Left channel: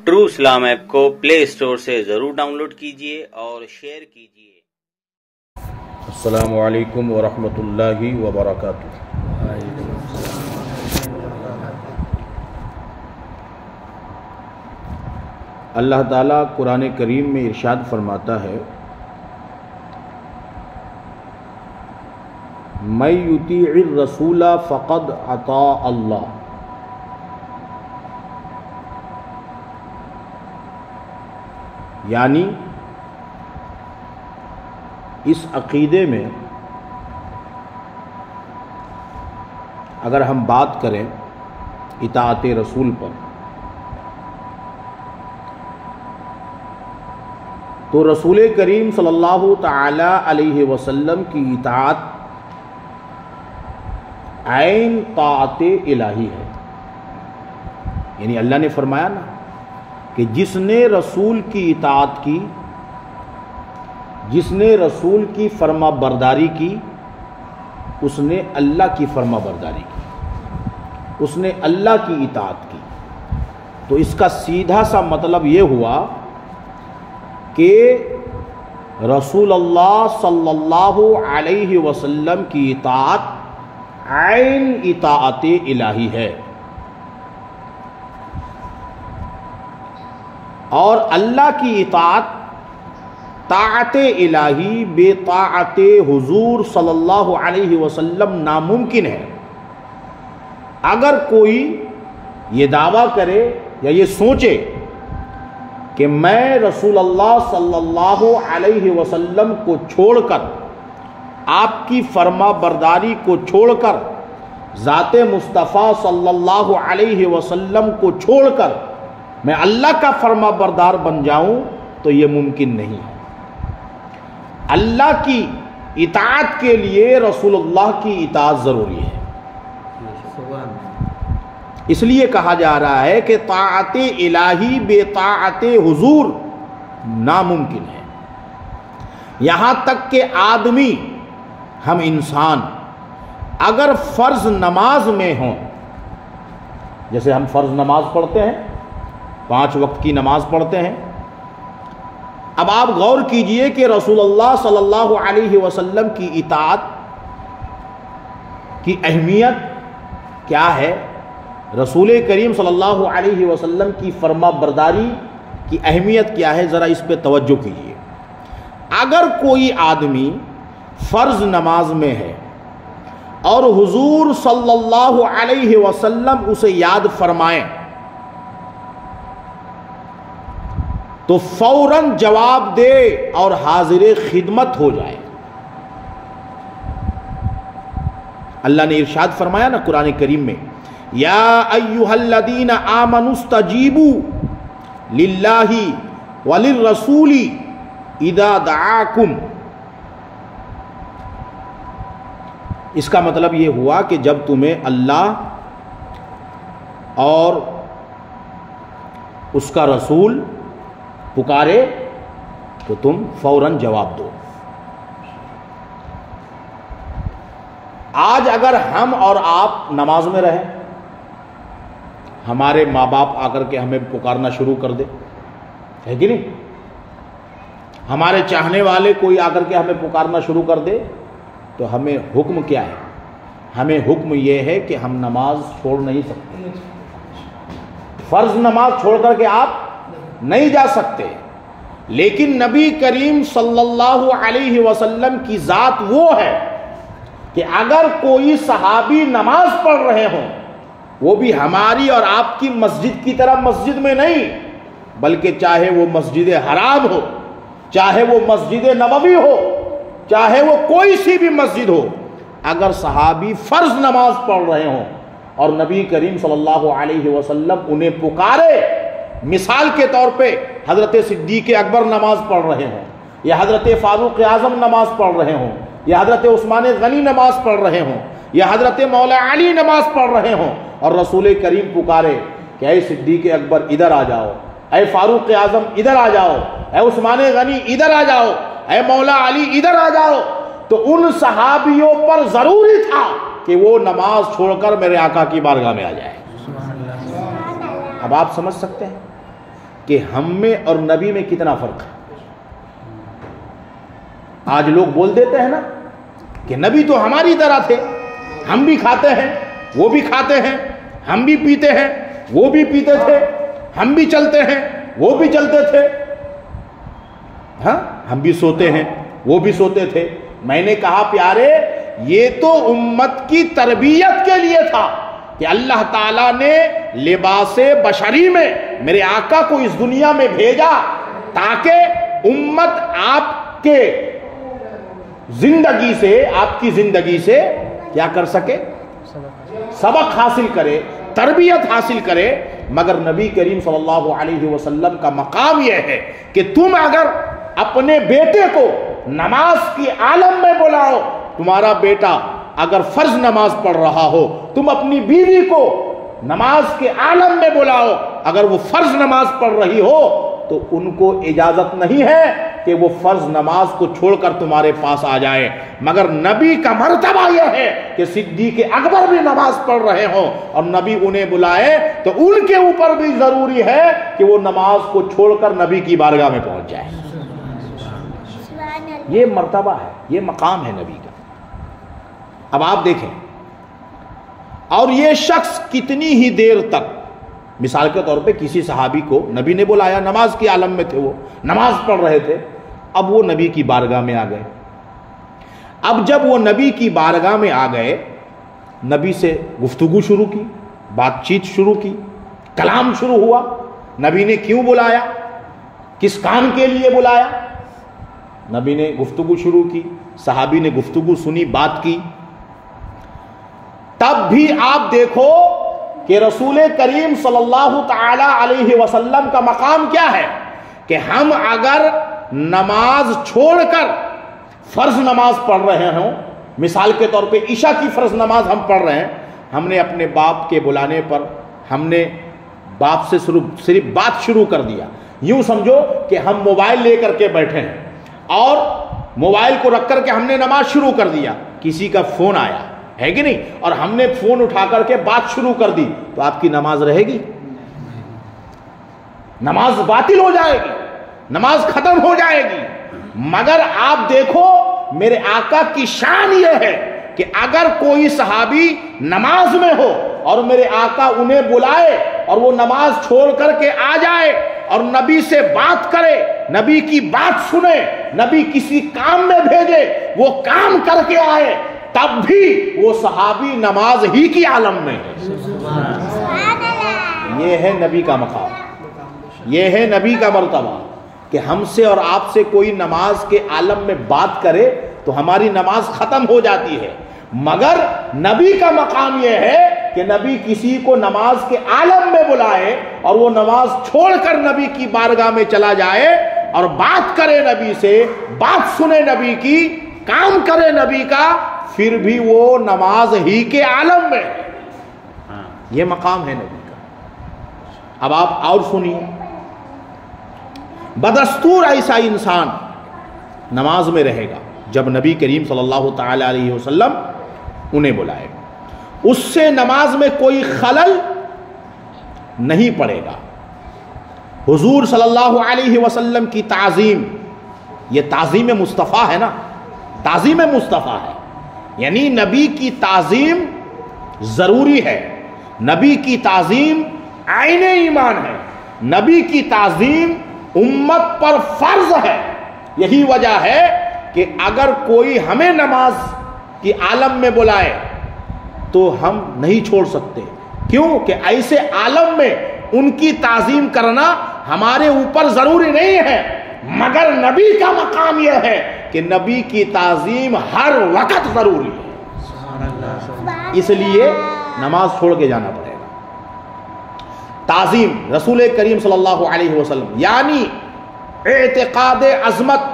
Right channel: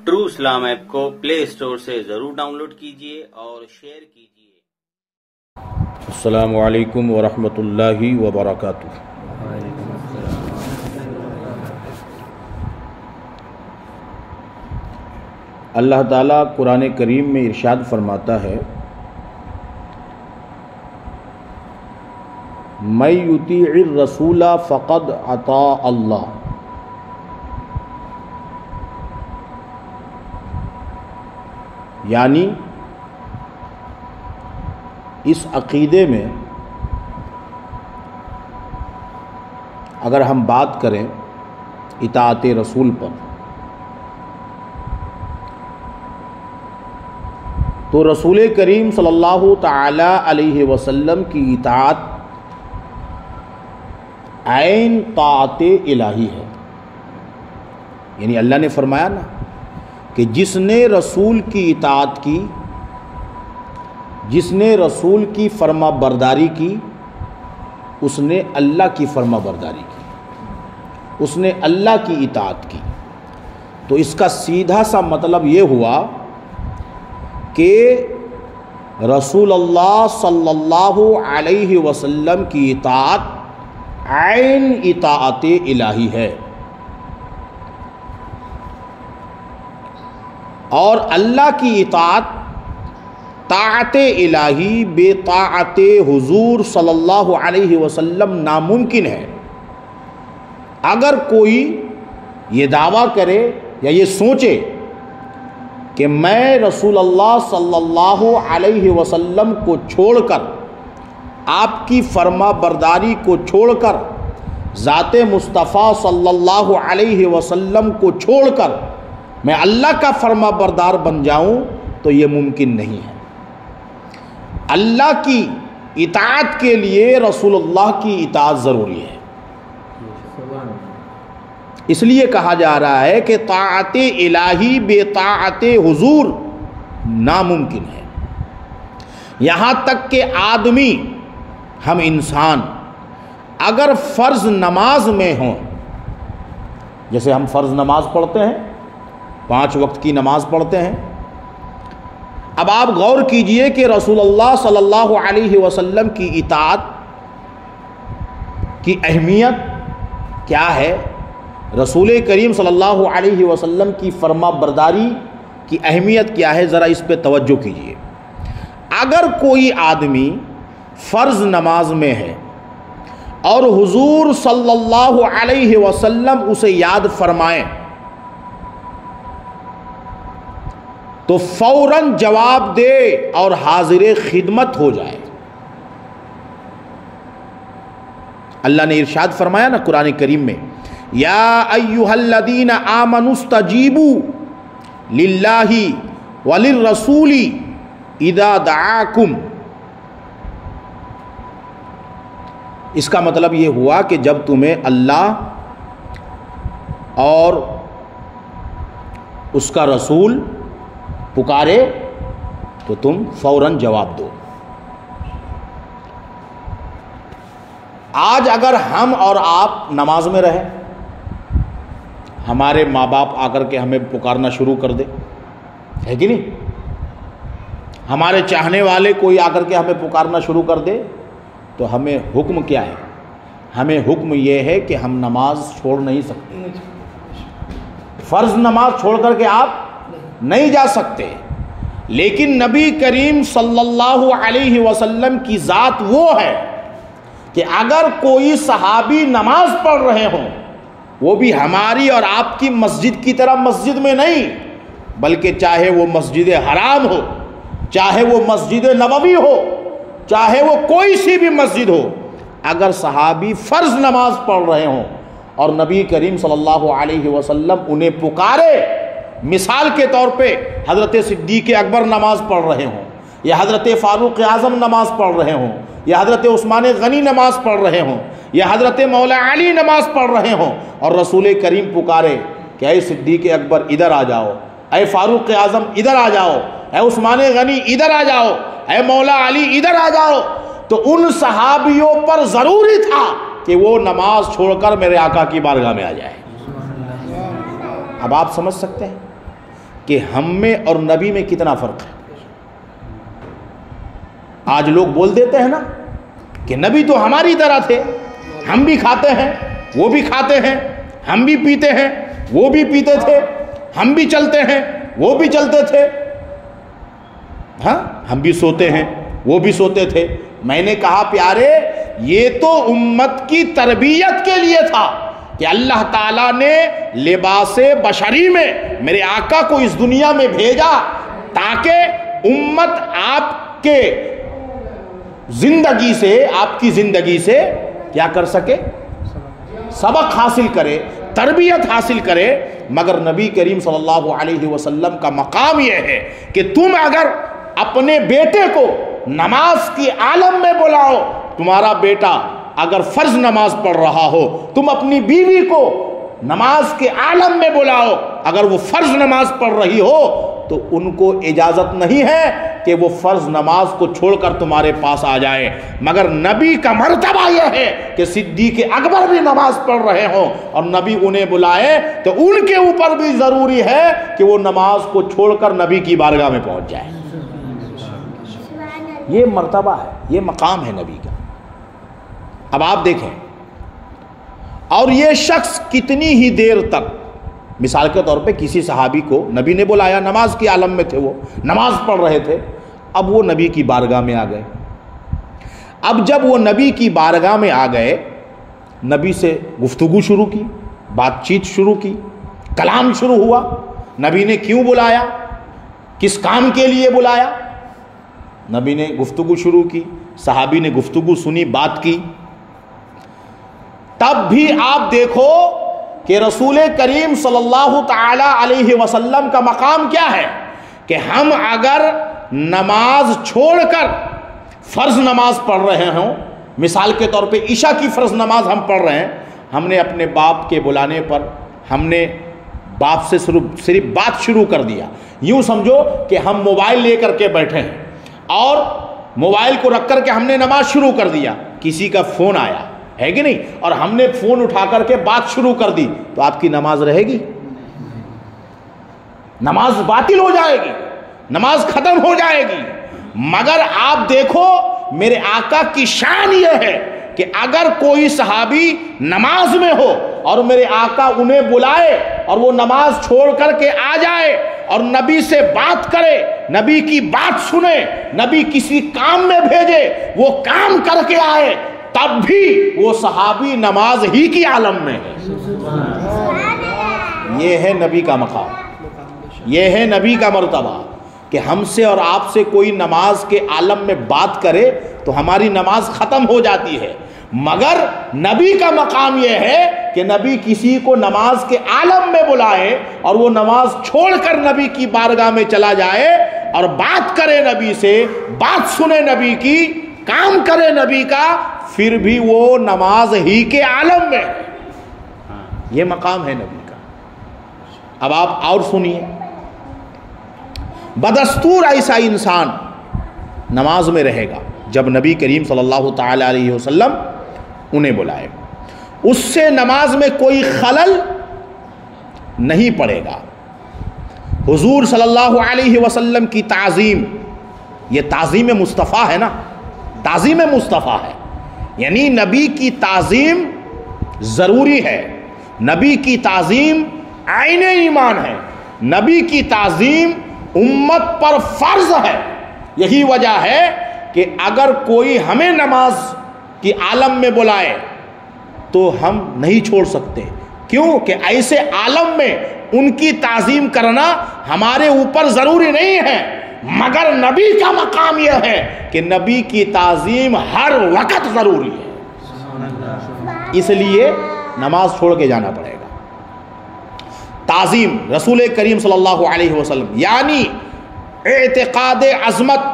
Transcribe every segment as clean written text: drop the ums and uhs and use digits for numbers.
True Islam app کو پلے store سے ضرور ڈاؤن لوڈ کیجیے اور شیئر کیجیے۔ السلام علیکم ورحمۃ اللہ وبرکاتہ۔ اللہ تعالیٰ قرآن کریم میں ارشاد فرماتا ہے، من یطیع الرسول فقد اطاع اللہ۔ یعنی اس عقیدے میں اگر ہم بات کریں اطاعت رسول پر، تو رسول کریم صلی اللہ تعالی علیہ وسلم کی اطاعت عین طاعت الہی ہے۔ یعنی اللہ نے فرمایا نا کہ جس نے رسول کی اطاعت کی، جس نے رسول کی فرما برداری کی، اس نے اللہ کی فرما برداری کی، اس نے اللہ کی اطاعت کی۔ تو اس کا سیدھا سا مطلب یہ ہوا کہ رسول اللہ صلی اللہ علیہ وسلم کی اطاعت عین اطاعت الہی ہے، اور اللہ کی اطاعت طاعت الہی بے طاعت حضور صلی اللہ علیہ وسلم ناممکن ہے۔ اگر کوئی یہ دعویٰ کرے یا یہ سوچے کہ میں رسول اللہ صلی اللہ علیہ وسلم کو چھوڑ کر، آپ کی فرما برداری کو چھوڑ کر، ذات مصطفیٰ صلی اللہ علیہ وسلم کو چھوڑ کر میں اللہ کا فرما بردار بن جاؤں، تو یہ ممکن نہیں ہے۔ اللہ کی اطاعت کے لیے رسول اللہ کی اطاعت ضروری ہے۔ اس لیے کہا جا رہا ہے کہ طاعت الہی بے طاعت حضور ناممکن ہے۔ یہاں تک کہ آدمی، ہم انسان اگر فرض نماز میں ہوں، جیسے ہم فرض نماز پڑھتے ہیں، 5 وقت کی نماز پڑھتے ہیں، اب آپ غور کیجئے کہ رسول اللہ صلی اللہ علیہ وسلم کی اطاعت کی اہمیت کیا ہے، رسول کریم صلی اللہ علیہ وسلم کی فرما برداری کی اہمیت کیا ہے، ذرا اس پہ توجہ کیجئے۔ اگر کوئی آدمی فرض نماز میں ہے اور حضور صلی اللہ علیہ وسلم اسے یاد فرمائیں، تو فوراً جواب دے اور حاضر خدمت ہو جائے۔ اللہ نے ارشاد فرمایا نا قرآن کریم میں، یا ایھا الذین آمنوا استجیبوا للہ وللرسول اذا دعاکم۔ اس کا مطلب یہ ہوا کہ جب تمہیں اللہ اور اس کا رسول پکارے تو تم فوراً جواب دو۔ آج اگر ہم اور آپ نماز میں رہیں، ہمارے ماں باپ آ کر کے ہمیں پکارنا شروع کر دے، ہے کہ نہیں؟ ہمارے چاہنے والے کوئی آ کر کے ہمیں پکارنا شروع کر دے، تو ہمیں حکم کیا ہے؟ ہمیں حکم یہ ہے کہ ہم نماز چھوڑ نہیں سکتے، فرض نماز چھوڑ کر کے آپ نہیں جا سکتے۔ لیکن نبی کریم صلی اللہ علیہ وسلم کی ذات وہ ہے کہ اگر کوئی صحابی نماز پڑھ رہے ہوں، وہ بھی ہماری اور آپ کی مسجد کی طرح مسجد میں نہیں، بلکہ چاہے وہ مسجد حرام ہو، چاہے وہ مسجد نبوی ہو، چاہے وہ کوئی سی بھی مسجد ہو، اگر صحابی فرض نماز پڑھ رہے ہوں اور نبی کریم صلی اللہ علیہ وسلم انہیں پکارے، مثال کے طور پہ حضرت صدیق اکبر نماز پڑھ رہے ہوں، یا حضرت فاروق اعظم نماز پڑھ رہے ہوں، یا حضرت عثمان غنی نماز پڑھ رہے ہوں، یا حضرت مولا علی نماز پڑھ رہے ہوں، اور رسول کریم پکارے کہ اے صدیق اکبر ادھر آ جاؤ، اے فاروق اعظم ادھر آ جاؤ، اے عثمان غنی ادھر آ جاؤ، اے مولا علی ادھر آ جاؤ، تو ان صحابیوں پر ضروری تھا کہ وہ نماز چھوڑ کر میرے آقا کی بارگاہ میں آ جائے۔ اب آپ سمجھ سکتے ہیں کہ ہم میں اور نبی میں کتنا فرق ہے۔ آج لوگ بول دیتے ہیں نا کہ نبی تو ہماری طرح تھے، ہم بھی کھاتے ہیں وہ بھی کھاتے ہیں، ہم بھی پیتے ہیں وہ بھی پیتے تھے، ہم بھی چلتے ہیں وہ بھی چلتے تھے، ہاں ہم بھی سوتے ہیں وہ بھی سوتے تھے۔ میں نے کہا پیارے یہ تو امت کی تربیت کے لیے تھا کہ اللہ تعالیٰ نے لباس بشری میں میرے آقا کو اس دنیا میں بھیجا تاکہ امت آپ کے زندگی سے، آپ کی زندگی سے کیا کر سکے، سبق حاصل کرے، تربیت حاصل کرے۔ مگر نبی کریم صلی اللہ علیہ وسلم کا مقام یہ ہے کہ تم اگر اپنے بیٹے کو نماز کی عالم میں بلاؤ، تمہارا بیٹا اگر فرض نماز پڑھ رہا ہو، تم اپنی بیوی کو نماز کے عالم میں بلاؤ، اگر وہ فرض نماز پڑھ رہی ہو تو ان کو اجازت نہیں ہے کہ وہ فرض نماز کو چھوڑ کر تمہارے پاس آ جائے۔ مگر نبی کا مرتبہ یہ ہے کہ صدیق اکبر بھی نماز پڑھ رہے ہوں اور نبی انہیں بلائے تو ان کے اوپر بھی ضروری ہے کہ وہ نماز کو چھوڑ کر نبی کی بارگاہ میں پہنچ جائے۔ یہ مرتبہ ہے، یہ مقام ہے نبی کا۔ اب آپ دیکھیں، اور یہ شخص کتنی ہی دیر تک، مثال کے طور پہ کسی صحابی کو نبی نے بلایا، نماز کی عالم میں تھے، وہ نماز پڑھ رہے تھے، اب وہ نبی کی بارگاہ میں آ گئے۔ اب جب وہ نبی کی بارگاہ میں آ گئے، نبی سے گفتگو شروع کی، بات چیت شروع کی، کلام شروع ہوا۔ نبی نے کیوں بلایا، کس کام کے لیے بلایا، نبی نے گفتگو شروع کی، صحابی نے گفتگو سنی، بات کی۔ تب بھی آپ دیکھو کہ رسول کریم صلی اللہ تعالی علیہ وسلم کا مقام کیا ہے کہ ہم اگر نماز چھوڑ کر فرض نماز پڑھ رہے ہوں، مثال کے طور پہ عشاء کی فرض نماز ہم پڑھ رہے ہیں، ہم نے اپنے باپ کے بلانے پر ہم نے باپ سے صرف بات شروع کر دیا، یوں سمجھو کہ ہم موبائل لے کر کے بیٹھے ہیں اور موبائل کو رکھ کر کے ہم نے نماز شروع کر دیا، کسی کا فون آیا ہے کہ نہیں، اور ہم نے فون اٹھا کر کے بات شروع کر دی، تو آپ کی نماز رہے گی؟ نماز باطل ہو جائے گی، نماز ختم ہو جائے گی۔ مگر آپ دیکھو میرے آقا کی شان یہ ہے کہ اگر کوئی صحابی نماز میں ہو اور میرے آقا انہیں بلائے اور وہ نماز چھوڑ کر کے آ جائے اور نبی سے بات کرے، نبی کی بات سنے، نبی کسی کام میں بھیجے، وہ کام کر کے آئے، تب بھی وہ صحابی نماز ہی کی عالم میں ہے۔ یہ ہے نبی کا مقام، یہ ہے نبی کا مرتبہ کہ ہم سے اور آپ سے کوئی نماز کے عالم میں بات کرے تو ہماری نماز ختم ہو جاتی ہے۔ مگر نبی کا مقام یہ ہے کہ نبی کسی کو نماز کے عالم میں بلائے اور وہ نماز چھوڑ کر نبی کی بارگاہ میں چلا جائے اور بات کرے نبی سے، بات سنے نبی کی، کام کرے نبی کا، پھر بھی وہ نماز ہی کے عالم میں۔ یہ مقام ہے نبی کا۔ اب آپ اور سنیے، بدستور ایسا انسان نماز میں رہے گا جب نبی کریم صلی اللہ تعالی علیہ وسلم انہیں بلائے، اس سے نماز میں کوئی خلل نہیں پڑے گا۔ حضور صلی اللہ علیہ وسلم کی تعظیم، یہ تعظیم مصطفیٰ ہے نا، تعظیم مصطفیٰ ہے، یعنی نبی کی تعظیم ضروری ہے، نبی کی تعظیم عین ایمان ہے، نبی کی تعظیم امت پر فرض ہے۔ یہی وجہ ہے کہ اگر کوئی ہمیں نماز کی عالم میں بلائے تو ہم نہیں چھوڑ سکتے، کیوں کہ ایسے عالم میں ان کی تعظیم کرنا ہمارے اوپر ضروری نہیں ہے، مگر نبی کا مقام یہ ہے کہ نبی کی تعظیم ہر وقت ضروری ہے، اس لیے نماز چھوڑ کے جانا پڑے گا۔ تعظیم رسول کریم صلی اللہ علیہ وسلم یعنی اعتقاد عظمت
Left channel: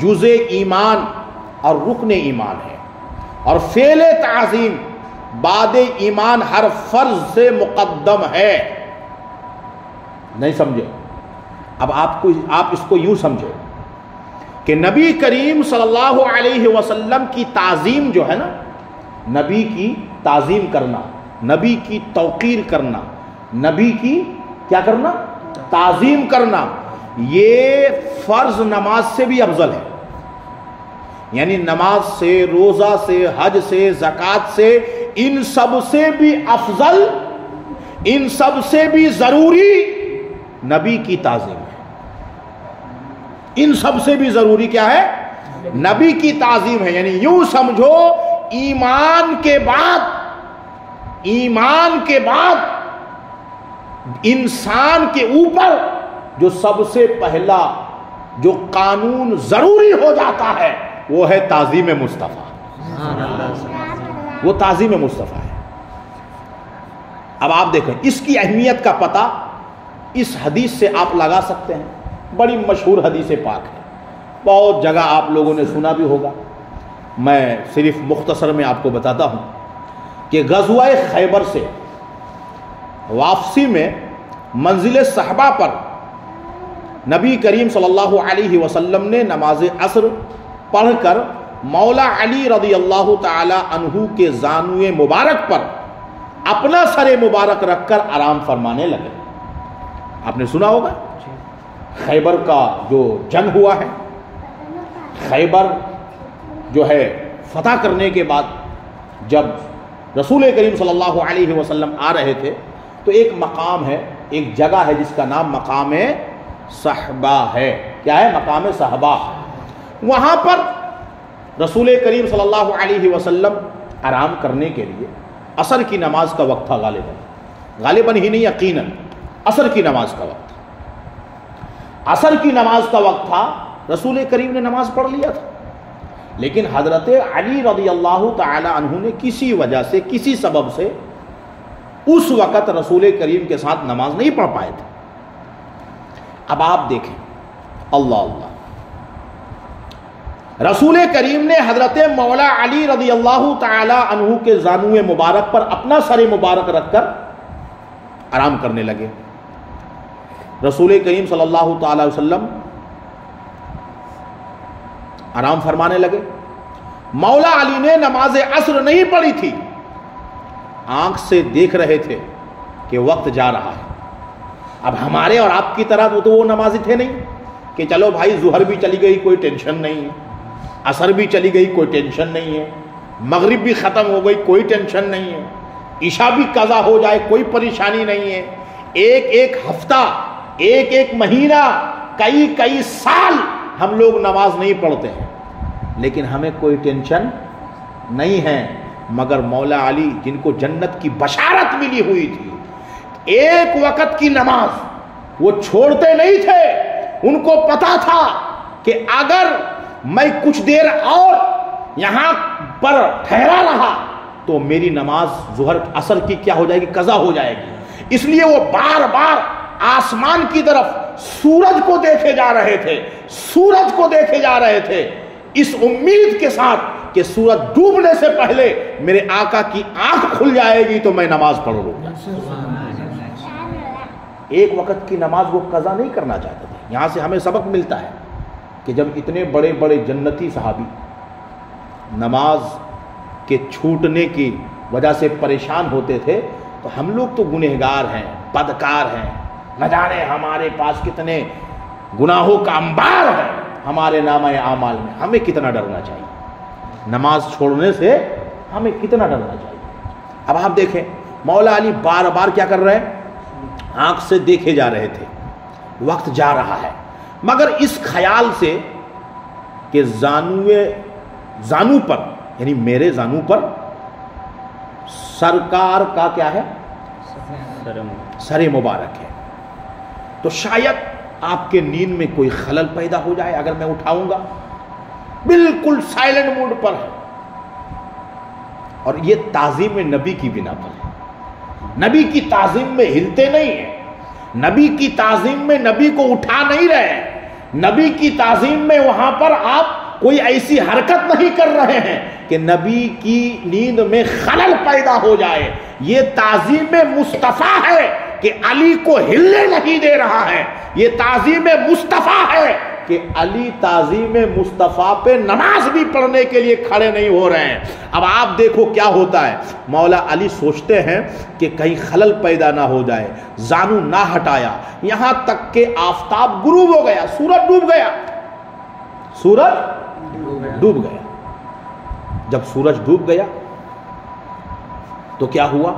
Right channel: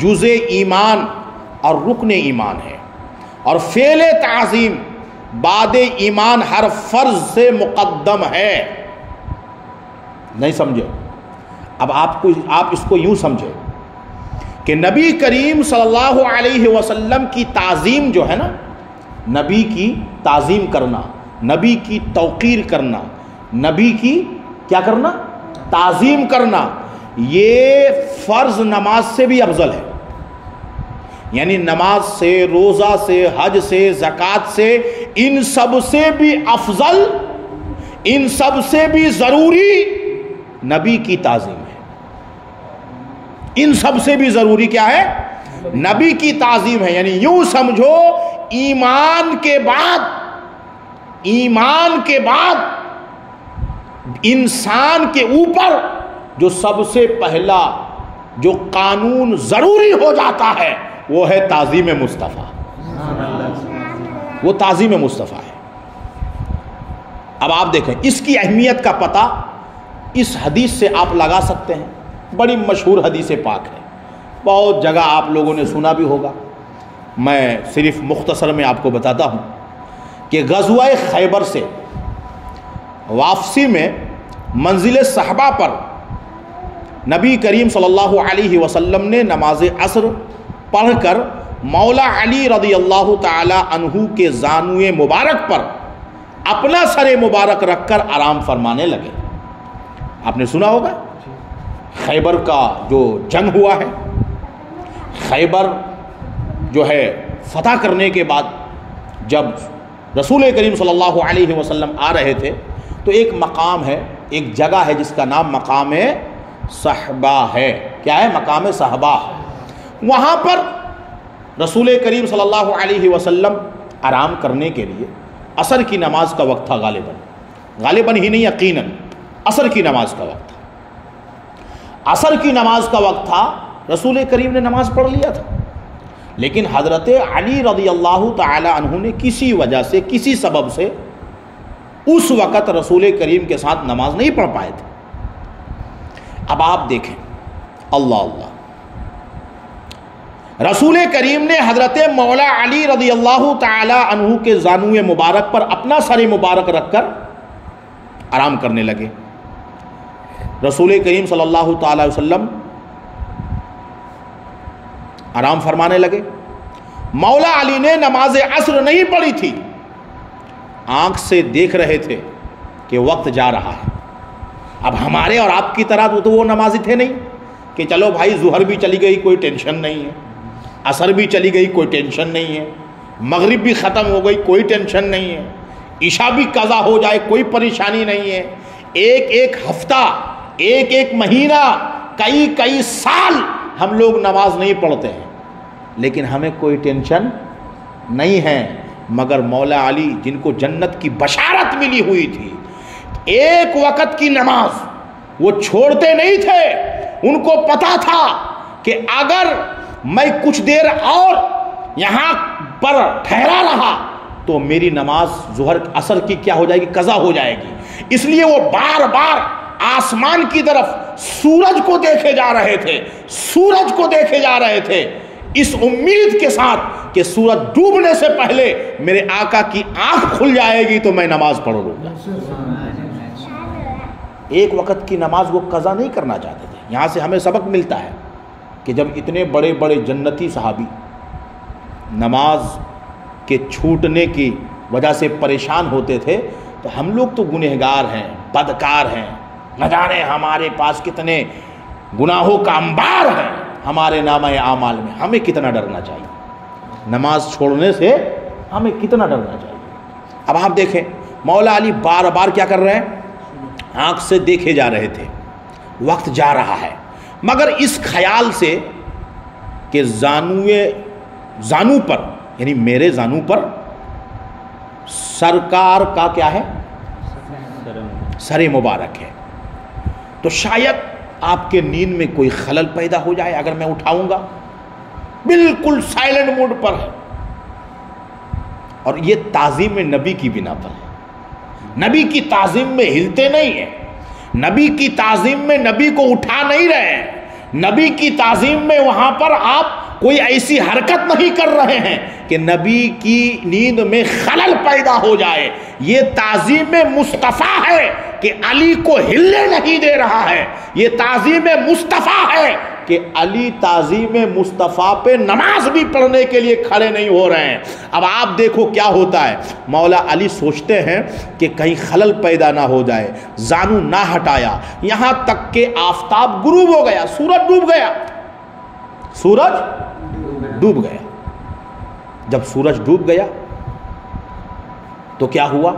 جزء ایمان اور رکن ایمان ہے، اور فعل تعظیم بعد ایمان ہر فرض سے مقدم ہے۔ نہیں سمجھے؟ اب آپ اس کو یوں سمجھے کہ نبی کریم صلی اللہ علیہ وسلم کی تعظیم جو ہے نا، نبی کی تعظیم کرنا، نبی کی توقیر کرنا، نبی کی کیا کرنا؟ تعظیم کرنا یہ فرض نماز سے بھی افضل ہے. یعنی نماز سے، روزہ سے، حج سے، زکوٰۃ سے، ان سب سے بھی افضل، ان سب سے بھی ضروری نبی کی تعظیم ہے. ان سب سے بھی ضروری کیا ہے؟ نبی کی تعظیم ہے. یعنی یوں سمجھو ایمان کے بعد انسان کے اوپر جو سب سے پہلا جو قانون ضروری ہو جاتا ہے وہ ہے تعظیم مصطفیٰ. وہ تعظیم مصطفیٰ ہے. اب آپ دیکھیں اس کی اہمیت کا پتہ اس حدیث سے آپ لگا سکتے ہیں. بڑی مشہور حدیث پاک ہے، بہت جگہ آپ لوگوں نے سنا بھی ہوگا. میں صرف مختصر میں آپ کو بتاتا ہوں کہ غزوہ خیبر سے واپسی میں منزل صحبہ پر نبی کریم صلی اللہ علیہ وسلم نے نماز عصر پڑھ کر مولا علی رضی اللہ تعالی عنہ کے زانوئے مبارک پر اپنا سر مبارک رکھ کر آرام فرمانے لگے. آپ نے سنا ہوگا خیبر کا جو جنگ ہوا ہے، خیبر جو ہے فتح کرنے کے بعد جب رسول کریم صلی اللہ علیہ وسلم آ رہے تھے تو ایک مقام ہے، ایک جگہ ہے جس کا نام مقام صحبہ ہے. کیا ہے؟ مقام صحبہ. وہاں پر رسول کریم صلی اللہ علیہ وسلم آرام کرنے کے لیے عصر کی نماز کا وقت تھا. غالباً ہی نہیں یقیناً عصر کی نماز کا وقت تھا. عصر کی نماز کا وقت تھا. رسول کریم نے نماز پڑھ لیا تھا، لیکن حضرت علی رضی اللہ تعالی عنہ نے کسی وجہ سے، کسی سبب سے اس وقت رسول کریم کے ساتھ نماز نہیں پڑھ پائے تھے. اب آپ دیکھیں اللہ اللہ، رسول کریم نے حضرت مولا علی رضی اللہ تعالی عنہ کے زانوئے مبارک پر اپنا سر مبارک رکھ کر آرام کرنے لگے. رسول کریم صلی اللہ تعالی وسلم آرام فرمانے لگے. مولا علی نے نماز عصر نہیں پڑھی تھی، آنکھ سے دیکھ رہے تھے کہ وقت جا رہا ہے. اب ہمارے اور آپ کی طرح تو وہ نمازی تھے نہیں کہ چلو بھائی ظہر بھی چلی گئی کوئی ٹینشن نہیں ہے، عصر بھی چلی گئی کوئی ٹینشن نہیں ہے، مغرب بھی ختم ہو گئی کوئی ٹینشن نہیں ہے، عشاء بھی قضا ہو جائے کوئی پریشانی نہیں ہے. ایک ایک ہفتہ، ایک ایک مہینہ، کئی سال ہم لوگ نماز نہیں پڑھتے ہیں، لیکن ہمیں کوئی ٹینشن نہیں ہے. مگر مولا علی جن کو جنت کی بشارت ملی ہوئی تھی، ایک وقت کی نماز وہ چھوڑتے نہیں تھے. ان کو پتا تھا کہ اگر میں کچھ دیر اور یہاں پر ٹھہرا رہا تو میری نماز ظہر عصر کی کیا ہو جائے گی؟ قضا ہو جائے گی. اس لیے وہ بار بار آسمان کی طرف سورج کو دیکھے جا رہے تھے، سورج کو دیکھے جا رہے تھے، اس امید کے ساتھ کہ سورج ڈوبنے سے پہلے میرے آقا کی آنکھ کھل جائے گی تو میں نماز پڑھ لوں گا. ایک وقت کی نماز وہ قضا نہیں کرنا چاہتے تھے. یہاں سے ہمیں سبق ملتا ہے کہ جب اتنے بڑے بڑے جنتی صحابی نماز کے چھوٹنے کی وجہ سے پریشان ہوتے تھے تو ہم لوگ تو گنہگار ہیں، بدکار ہیں، نہ جانے ہمارے پاس کتنے گناہوں کا انبار ہے ہمارے نامہ اعمال میں. ہمیں کتنا ڈرنا چاہیے نماز چھوڑنے سے، ہمیں کتنا ڈرنا چاہیے. اب آپ دیکھیں مولا علی بار بار کیا کر رہے ہیں؟ آنکھ سے دیکھے جا رہے تھے، وقت جا رہا ہے، مگر اس خیال سے کہ زانو پر، یعنی میرے زانو پر سرکار کا کیا ہے؟ سر مبارک ہے، تو شاید آپ کے نیند میں کوئی خلل پیدا ہو جائے اگر میں اٹھاؤں گا. بالکل سائلنٹ موڈ پر ہے، اور یہ تعظیم نبی کی بنا پر ہے. نبی کی تعظیم میں ہلتے نہیں ہیں، نبی کی تعظیم میں نبی کو اٹھا نہیں رہے ہیں، نبی کی تعظیم میں وہاں پر آپ کوئی ایسی حرکت نہیں کر رہے ہیں کہ نبی کی نیند میں خلل پیدا ہو جائے. یہ تعظیم مصطفیٰ ہے، کہ علی کو ہلنے نہیں دے رہا ہے. یہ تعظیم مصطفیٰ ہے کہ علی تعظیم مصطفیٰ پہ نماز بھی پڑھنے کے لیے کھڑے نہیں ہو رہے ہیں. اب آپ دیکھو کیا ہوتا ہے. مولا علی سوچتے ہیں کہ کہیں خلل پیدا نہ ہو جائے, زانو نہ ہٹایا, یہاں تک کہ آفتاب غروب ہو گیا, سورج ڈوب گیا. سورج ڈوب گیا. جب سورج ڈوب گیا تو کیا ہوا؟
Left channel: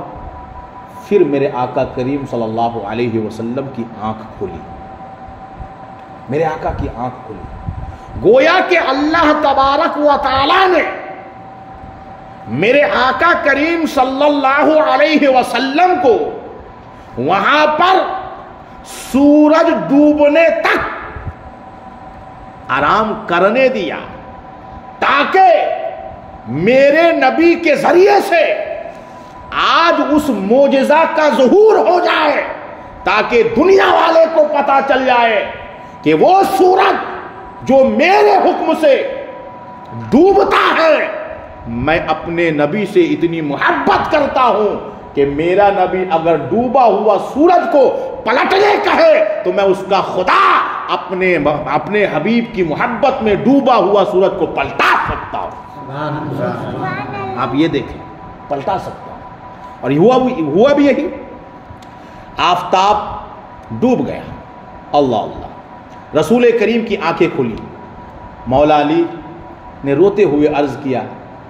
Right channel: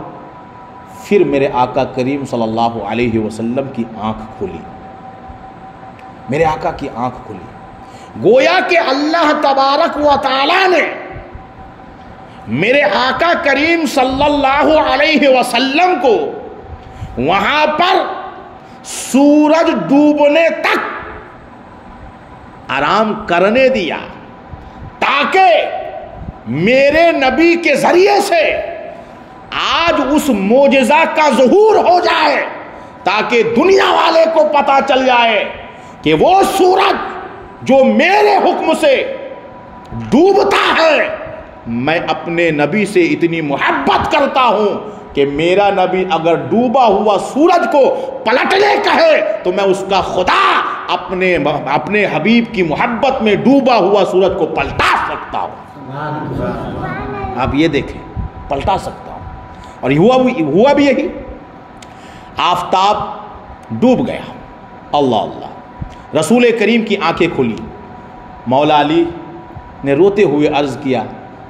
پھر میرے آقا کریم صلی اللہ علیہ وسلم کی آنکھ کھلی. میرے آقا کی آنکھ کھلی. گویا کہ اللہ تبارک و تعالی نے میرے آقا کریم صلی اللہ علیہ وسلم کو وہاں پر سورج ڈوبنے تک آرام کرنے دیا تاکہ میرے نبی کے ذریعے سے آج اس معجزہ کا ظہور ہو جائے, تاکہ دنیا والے کو پتا چل جائے کہ وہ سورج جو میرے حکم سے ڈوبتا ہے, میں اپنے نبی سے اتنی محبت کرتا ہوں کہ میرا نبی اگر ڈوبا ہوا سورج کو پلٹنے کہے تو میں اس کا خدا اپنے حبیب کی محبت میں ڈوبا ہوا سورج کو پلٹا سکتا ہوں. آپ یہ دیکھیں, پلٹا سکتا ہوں. اور ہوا بھی یہی. آفتاب ڈوب گیا. اللہ اللہ. رسول کریم کی آنکھیں کھلی. مولا علی نے روتے ہوئے عرض کیا,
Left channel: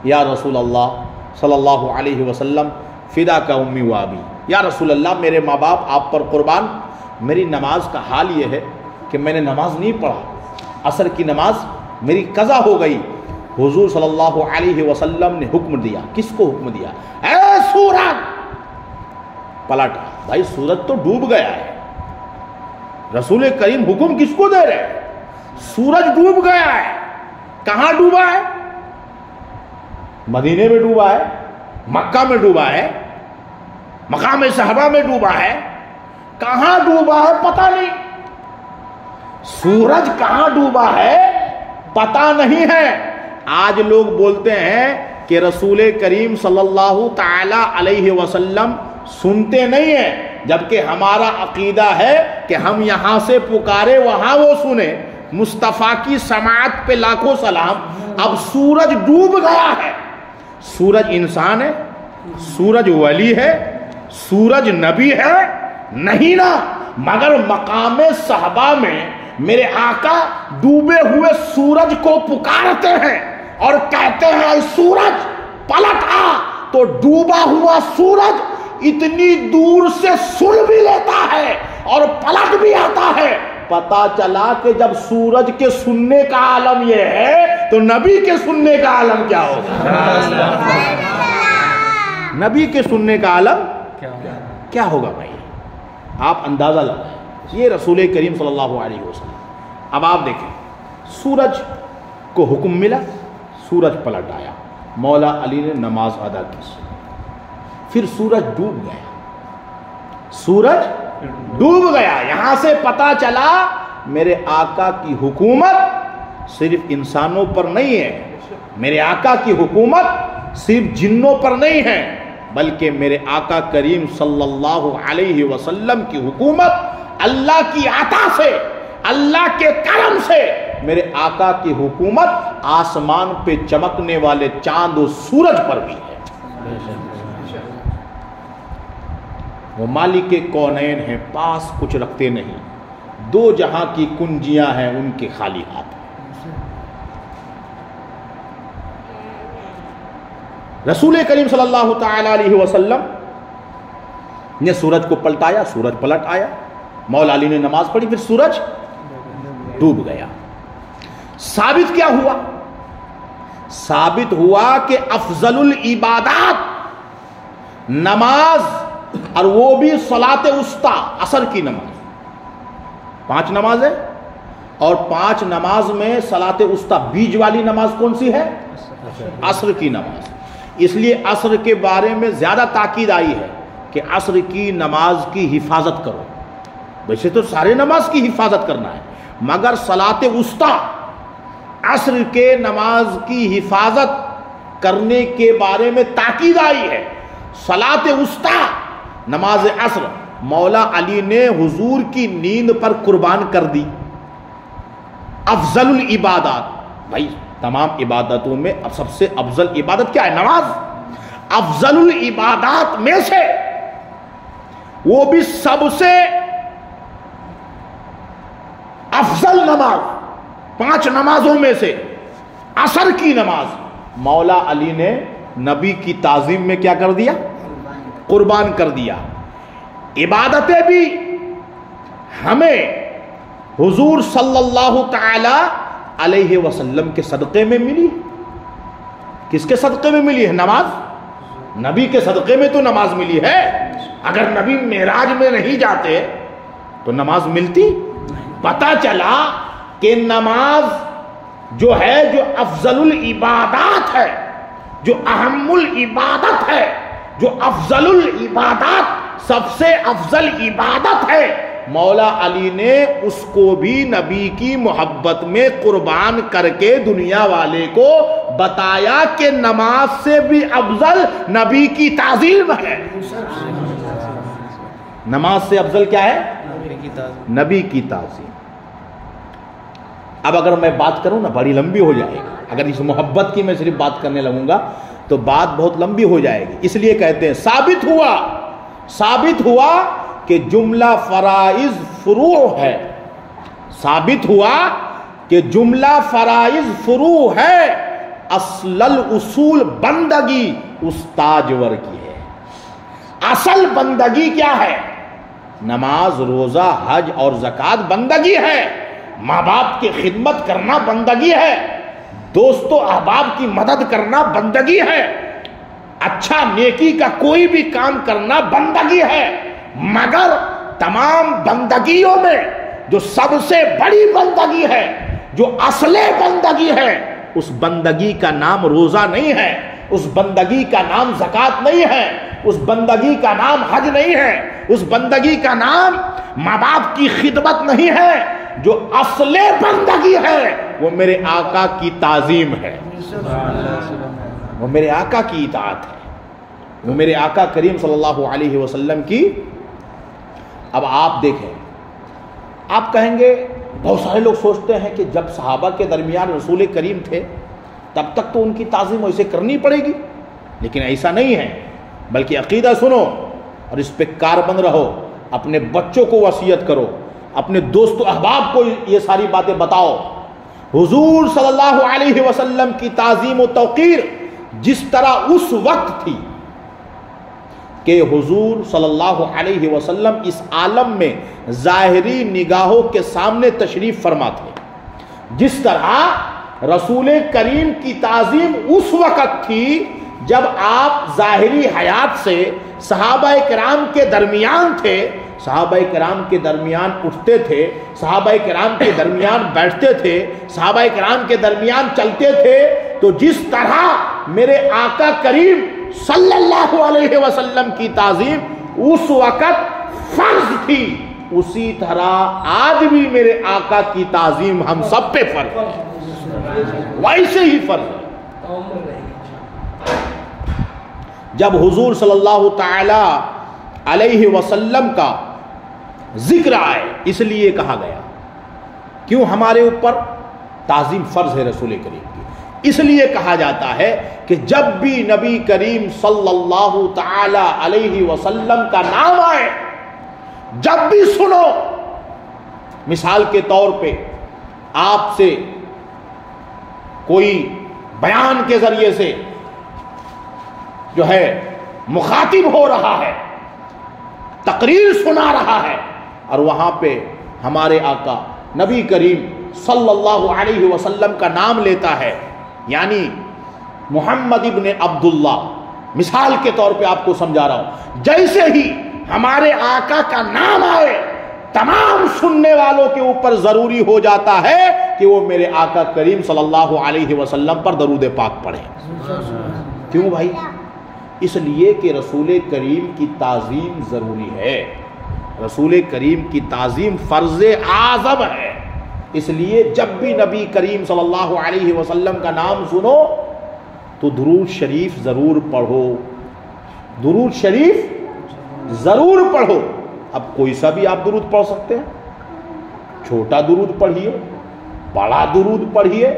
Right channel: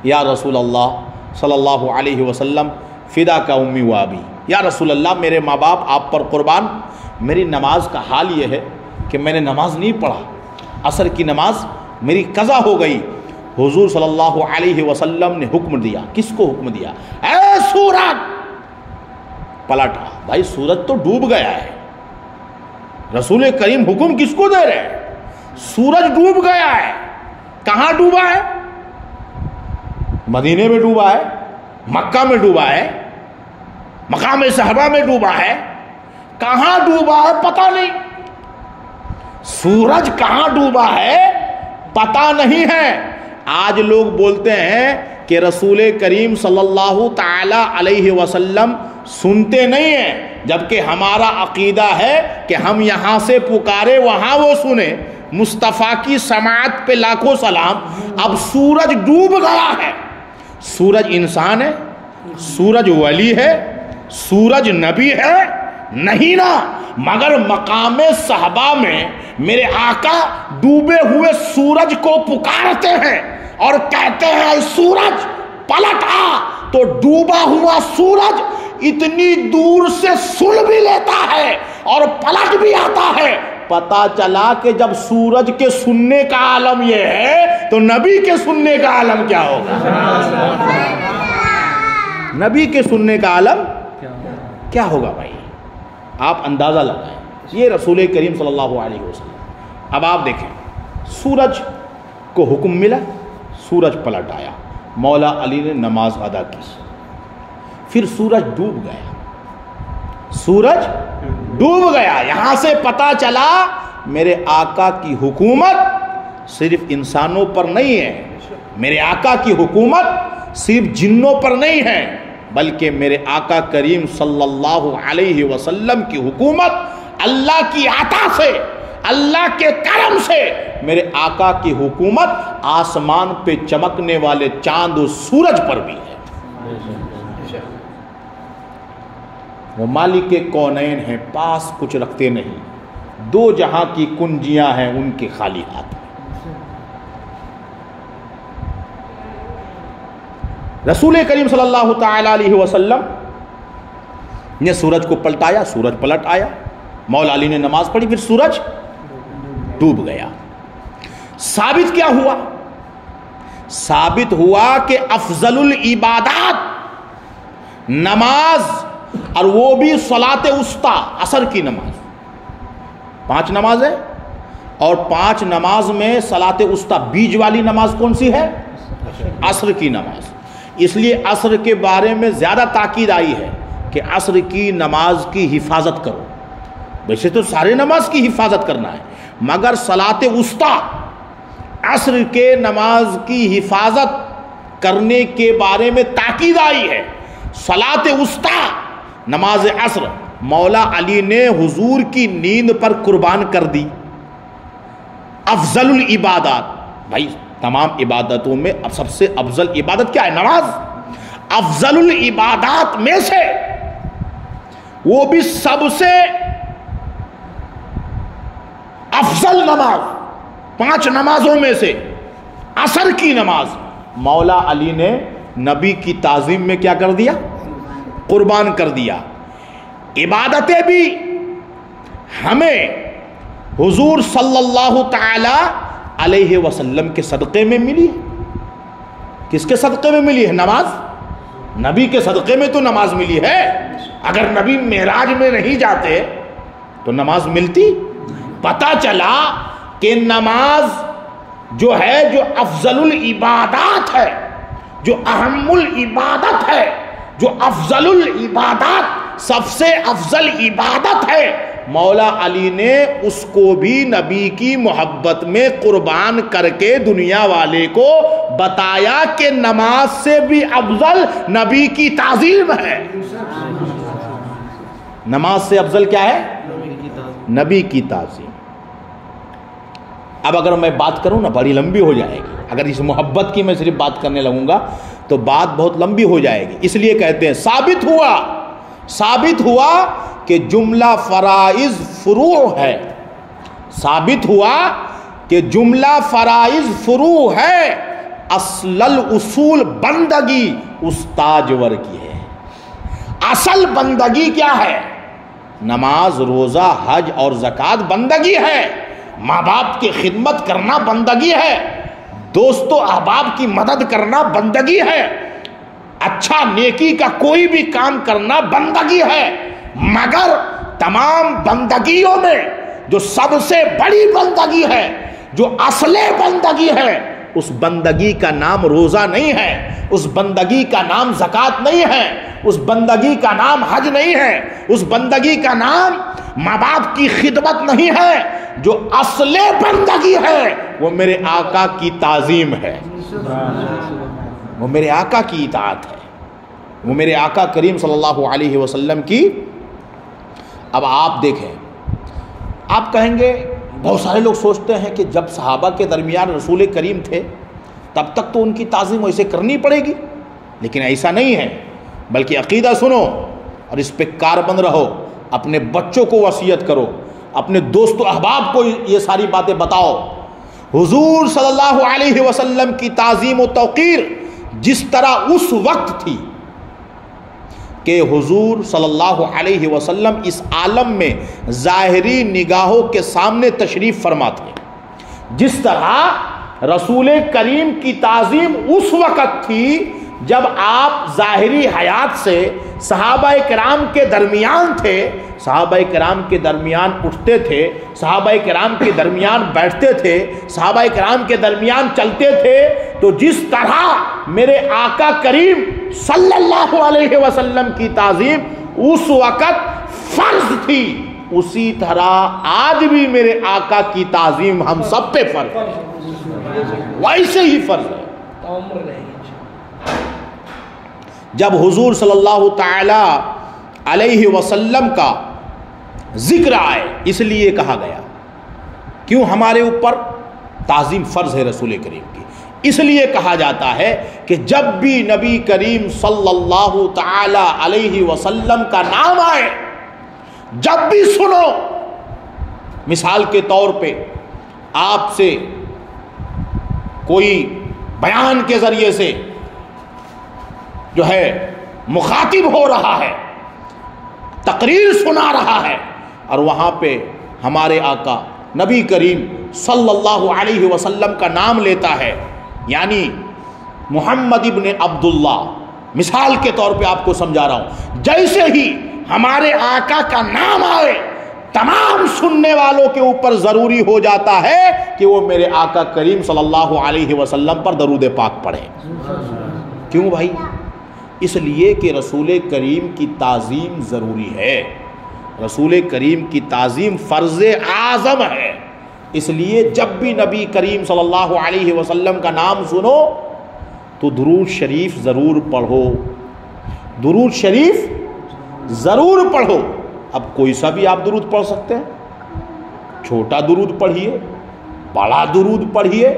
یا رسول اللہ صلی اللہ علیہ وسلم, فدا کا امی و ابی. یا رسول اللہ, میرے ماں باپ آپ پر قربان, میری نماز کا حال یہ ہے کہ میں نے نماز نہیں پڑھا, عصر کی نماز میری قضا ہو گئی. حضور صلی اللہ علیہ وسلم نے حکم دیا. کس کو حکم دیا؟ اے سورج پلٹ آ. بھائی سورج تو ڈوب گیا ہے. رسول کریم حکم کس کو دے رہے ہیں؟ سورج ڈوب گیا ہے. کہاں ڈوبا ہے؟ مدینے میں ڈوبا ہے, مکہ میں ڈوبا ہے, مقام صحابہ میں ڈوبا ہے. کہاں ڈوبا ہے پتہ نہیں. سورج کہاں ڈوبا ہے پتہ نہیں ہے. آج لوگ بولتے ہیں کہ رسول کریم صلی اللہ تعالی علیہ وسلم سنتے نہیں ہیں, جبکہ ہمارا عقیدہ ہے کہ ہم یہاں سے پکارے وہاں وہ سنے. مصطفیٰ کی سماعت پہ لاکھوں سلام. اب سورج ڈوب گیا ہے. سورج انسان ہے؟ سورج ولی ہے؟ سورج نبی ہے؟ نہیں نا. مگر مقام صحابہ میں میرے آقا ڈوبے ہوئے سورج کو پکارتے ہیں اور کہتے ہیں اے سورج پلٹ آ. تو ڈوبا ہوا سورج اتنی دور سے سن بھی لیتا ہے اور پلٹ بھی آتا ہے. پتا چلا کہ جب سورج کے سننے کا عالم یہ ہے تو نبی کے سننے کا عالم کیا ہوگا؟ نبی کے سننے کا عالم کیا ہوگا بھائی؟ آپ اندازہ لگائیں. یہ رسول کریم صلی اللہ علیہ وسلم. اب آپ دیکھیں, سورج کو حکم ملا, سورج پلٹ آیا. مولا علی نے نماز ادا کی. پھر سورج ڈوب گیا. سورج ڈوب گیا. یہاں سے پتا چلا میرے آقا کی حکومت صرف انسانوں پر نہیں ہے. میرے آقا کی حکومت صرف جنوں پر نہیں ہے, بلکہ میرے آقا کریم صلی اللہ علیہ وسلم کی حکومت اللہ کی عطا سے, اللہ کے کرم سے میرے آقا کی حکومت آسمان پہ چمکنے والے چاند و سورج پر بھی ہے. وہ مالک کونین ہیں, پاس کچھ رکھتے نہیں. دو جہاں کی کنجیاں ہیں ان کے خالی ہاتھ. رسول کریم صلی اللہ تعالی علیہ وسلم نے سورج کو پلٹایا, سورج پلٹ آیا. مولا علی نے نماز پڑھی, پھر سورج ڈوب گیا. ثابت کیا ہوا؟ ثابت ہوا کہ افضل العبادات نماز, اور وہ بھی صلاۃ وسطیٰ, عصر کی نماز. 5 نماز ہے اور 5 نماز میں صلاۃ وسطیٰ بیچ والی نماز کون سی ہے؟ عصر کی نماز. اس لیے عصر کے بارے میں زیادہ تاکید آئی ہے کہ عصر کی نماز کی حفاظت کرو. ویسے تو سارے نماز کی حفاظت کرنا ہے, مگر صلاۃ وسطیٰ عصر کے نماز کی حفاظت کرنے کے بارے میں تاکید آئی ہے. صلاۃ وسطیٰ نماز عصر مولا علی نے حضور کی نیند پر قربان کر دی. افضل العبادات، بھائی تمام عبادتوں میں سب سے افضل عبادت کیا ہے؟ نماز. افضل العبادات میں سے وہ بھی سب سے افضل نماز، 5 نمازوں میں سے عصر کی نماز مولا علی نے نبی کی تعظیم میں کیا کر دیا؟ قربان کر دیا. عبادتیں بھی ہمیں حضور صلی اللہ تعالی علیہ وسلم کے صدقے میں ملی. کس کے صدقے میں ملی ہے؟ نماز. نبی کے صدقے میں تو نماز ملی ہے. اگر نبی معراج میں نہیں جاتے تو نماز ملتی؟ پتہ چلا کہ نماز جو ہے، جو افضل العبادات ہے، جو اہم العبادت ہے، جو افضل العبادات، سب سے افضل عبادت ہے، مولا علی نے اس کو بھی نبی کی محبت میں قربان کر کے دنیا والے کو بتایا کہ نماز سے بھی افضل نبی کی تعظیم ہے. نماز سے افضل کیا ہے؟ نبی کی تعظیم. اب اگر میں بات کروں نا بڑی لمبی ہو جائے گی. اگر اس محبت کی میں صرف بات کرنے لگوں گا تو بات بہت لمبی ہو جائے گی. اس لیے کہتے ہیں ثابت ہوا کہ جملہ فرائض فروع ہے. ثابت ہوا کہ جملہ فرائض فروع ہے. اصل الاصول بندگی استاجور کی ہے. اصل بندگی کیا ہے؟ نماز، روزہ، حج اور زکوٰۃ بندگی ہے. ماں باپ کی خدمت کرنا بندگی ہے. دوست و احباب کی مدد کرنا بندگی ہے. اچھا نیکی کا کوئی بھی کام کرنا بندگی ہے. مگر تمام بندگیوں میں جو سب سے بڑی بندگی ہے، جو اصل بندگی ہے، اس بندگی کا نام روزہ نہیں ہے، اس بندگی کا نام زکوٰۃ نہیں ہے، اس بندگی کا نام حج نہیں ہے، اس بندگی کا نام ماں باپ کی خدمت نہیں ہے. جو اصل بندگی ہے وہ میرے آقا کی تعظیم ہے، وہ میرے آقا کی اطاعت ہے، وہ میرے آقا کریم صلی اللہ علیہ وسلم کی. اب آپ دیکھیں، آپ کہیں گے بہت سارے لوگ سوچتے ہیں کہ جب صحابہ کے درمیان رسول کریم تھے تب تک تو ان کی تعظیم ویسے کرنی پڑے گی. لیکن ایسا نہیں ہے، بلکہ عقیدہ سنو اور اس پہ کاربند رہو. اپنے بچوں کو وصیت کرو، اپنے دوست و احباب کو یہ ساری باتیں بتاؤ. حضور صلی اللہ علیہ وسلم کی تعظیم و توقیر جس طرح اس وقت تھی کہ حضور صلی اللہ علیہ وسلم اس عالم میں ظاہری نگاہوں کے سامنے تشریف فرما تھے، جس طرح رسول کریم کی تعظیم اس وقت تھی جب آپ ظاہری حیات سے صحابہ کرام کے درمیان تھے، صحابہ کرام کے درمیان اٹھتے تھے، صحابہ کرام کے درمیان بیٹھتے تھے، صحابہ کرام کے درمیان چلتے تھے. تو جس طرح میرے آقا کریم صلی اللہ علیہ وسلم کی تعظیم اس وقت فرض تھی، اسی طرح آج بھی میرے آقا کی تعظیم ہم سب پہ فرض ہے، ویسے ہی فرض ہے. جب حضور صلی اللہ تعالی علیہ وسلم کا ذکر آئے اس لیے کہا گیا، کیوں ہمارے اوپر تعظیم فرض ہے رسول کریم کی، اس لیے کہا جاتا ہے کہ جب بھی نبی کریم صلی اللہ تعالی علیہ وسلم کا نام آئے، جب بھی سنو، مثال کے طور پہ آپ سے کوئی بیان کے ذریعے سے جو ہے مخاطب ہو رہا ہے، تقریر سنا رہا ہے، اور وہاں پہ ہمارے آقا نبی کریم صلی اللہ علیہ وسلم کا نام لیتا ہے، یعنی محمد ابن عبداللہ، مثال کے طور پہ آپ کو سمجھا رہا ہوں، جیسے ہی ہمارے آقا کا نام آئے تمام سننے والوں کے اوپر ضروری ہو جاتا ہے کہ وہ میرے آقا کریم صلی اللہ علیہ وسلم پر درود پاک پڑھیں. کیوں بھائی؟ اس لیے کہ رسول کریم کی تعظیم ضروری ہے، رسول کریم کی تعظیم فرض اعظم ہے. اس لیے جب بھی نبی کریم صلی اللہ علیہ وسلم کا نام سنو تو درود شریف ضرور پڑھو، درود شریف ضرور پڑھو. اب کوئی سا بھی آپ درود پڑھ سکتے ہیں، چھوٹا درود پڑھیے، بڑا درود پڑھیے،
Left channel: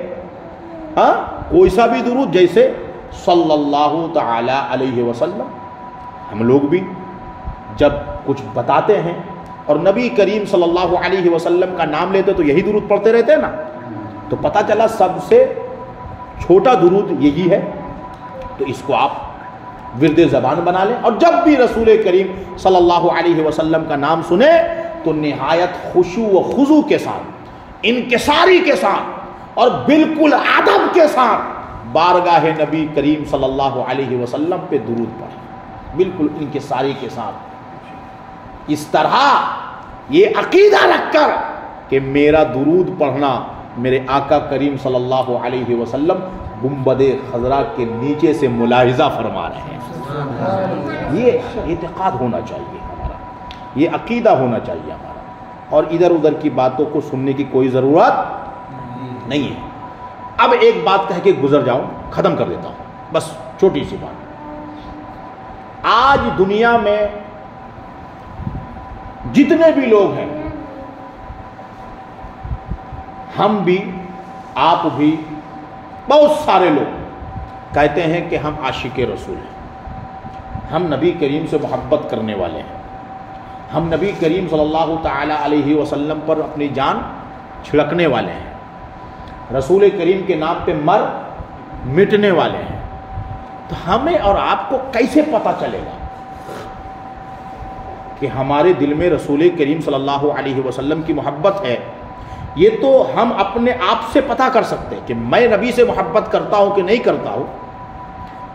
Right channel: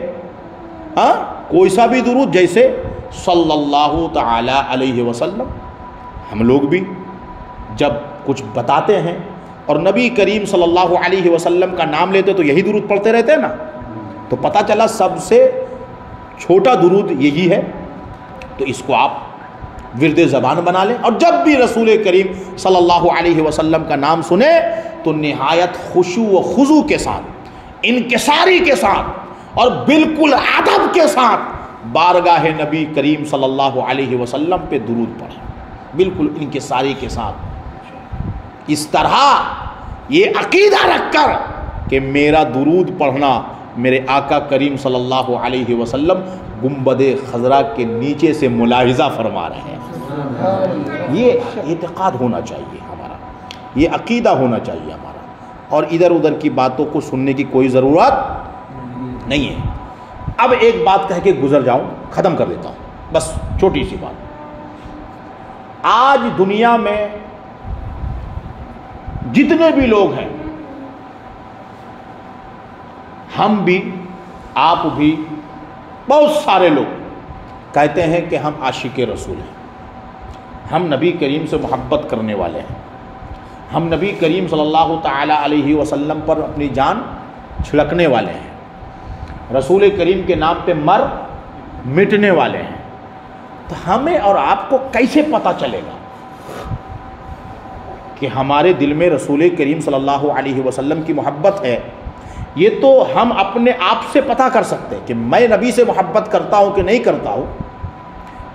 ہاں کوئی سا بھی درود، جیسے صلی اللہ تعالی علیہ وسلم. ہم لوگ بھی جب کچھ بتاتے ہیں اور نبی کریم صلی اللہ علیہ وسلم کا نام لیتے تو یہی درود پڑھتے رہتے ہیں نا، تو پتہ چلا سب سے چھوٹا درود یہی ہے. تو اس کو آپ ورد زبان بنا لیں، اور جب بھی رسول کریم صلی اللہ علیہ وسلم کا نام سنیں تو نہایت خشوع و خضوع کے ساتھ، انکساری کے ساتھ اور بالکل ادب کے ساتھ بارگاہ نبی کریم صلی اللہ علیہ وسلم پہ درود پڑھیں، بالکل انکساری کے ساتھ. اس طرح یہ عقیدہ رکھ کر کہ میرا درود پڑھنا میرے آقا کریم صلی اللہ علیہ وسلم گنبد خضرا کے نیچے سے ملاحظہ فرما رہے ہیں، یہ اعتقاد ہونا چاہیے ہمارا، یہ عقیدہ ہونا چاہیے ہمارا، اور ادھر ادھر کی باتوں کو سننے کی کوئی ضرورت نہیں ہے. اب ایک بات کہہ کے گزر جاؤں، ختم کر دیتا ہوں، بس چھوٹی سی بات. آج دنیا میں جتنے بھی لوگ ہیں، ہم بھی، آپ بھی، بہت سارے لوگ کہتے ہیں کہ ہم عاشق رسول ہیں، ہم نبی کریم سے محبت کرنے والے ہیں، ہم نبی کریم صلی اللہ تعالی علیہ وسلم پر اپنی جان چھڑکنے والے ہیں، رسول کریم کے نام پہ مر مٹنے والے ہیں. تو ہمیں اور آپ کو کیسے پتہ چلے گا کہ ہمارے دل میں رسول کریم صلی اللہ علیہ وسلم کی محبت ہے؟ یہ تو ہم اپنے آپ سے پتہ کر سکتے ہیں کہ میں نبی سے محبت کرتا ہوں کہ نہیں کرتا ہوں،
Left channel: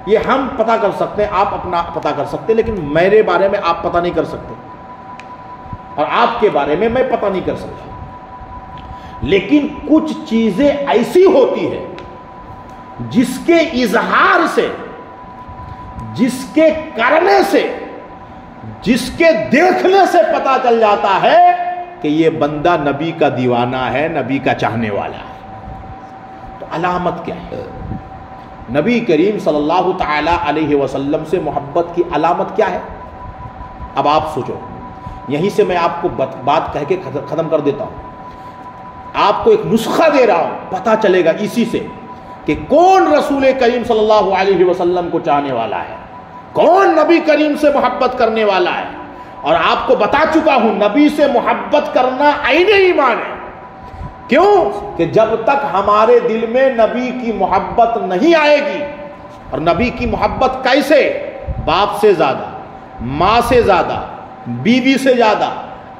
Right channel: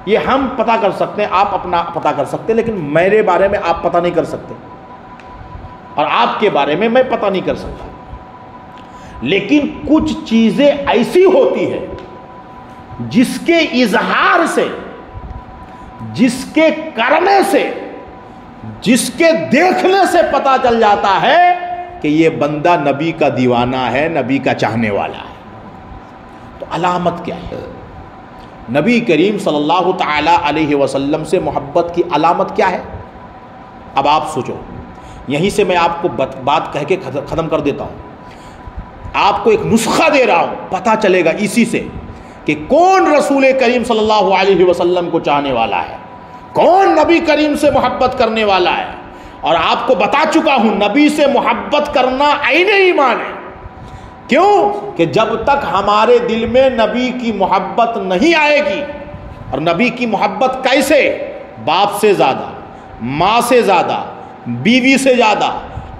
یہ ہم پتہ کر سکتے ہیں، آپ اپنا پتہ کر سکتے ہیں، لیکن میرے بارے میں آپ پتہ نہیں کر سکتے اور آپ کے بارے میں میں پتہ نہیں کر سکتا. لیکن کچھ چیزیں ایسی ہوتی ہیں جس کے اظہار سے، جس کے کرنے سے، جس کے دیکھنے سے پتہ چل جاتا ہے کہ یہ بندہ نبی کا دیوانہ ہے، نبی کا چاہنے والا ہے. تو علامت کیا ہے؟ نبی کریم صلی اللہ تعالی علیہ وسلم سے محبت کی علامت کیا ہے؟ اب آپ سوچو، یہیں سے میں آپ کو بات کہہ کے ختم کر دیتا ہوں. آپ کو ایک نسخہ دے رہا ہوں، پتہ چلے گا اسی سے کہ کون رسول کریم صلی اللہ علیہ وسلم کو چاہنے والا ہے، کون نبی کریم سے محبت کرنے والا ہے. اور آپ کو بتا چکا ہوں نبی سے محبت کرنا عین ایمان ہے. کیوں کہ جب تک ہمارے دل میں نبی کی محبت نہیں آئے گی، اور نبی کی محبت کیسے؟ باپ سے زیادہ، ماں سے زیادہ، بیوی سے زیادہ،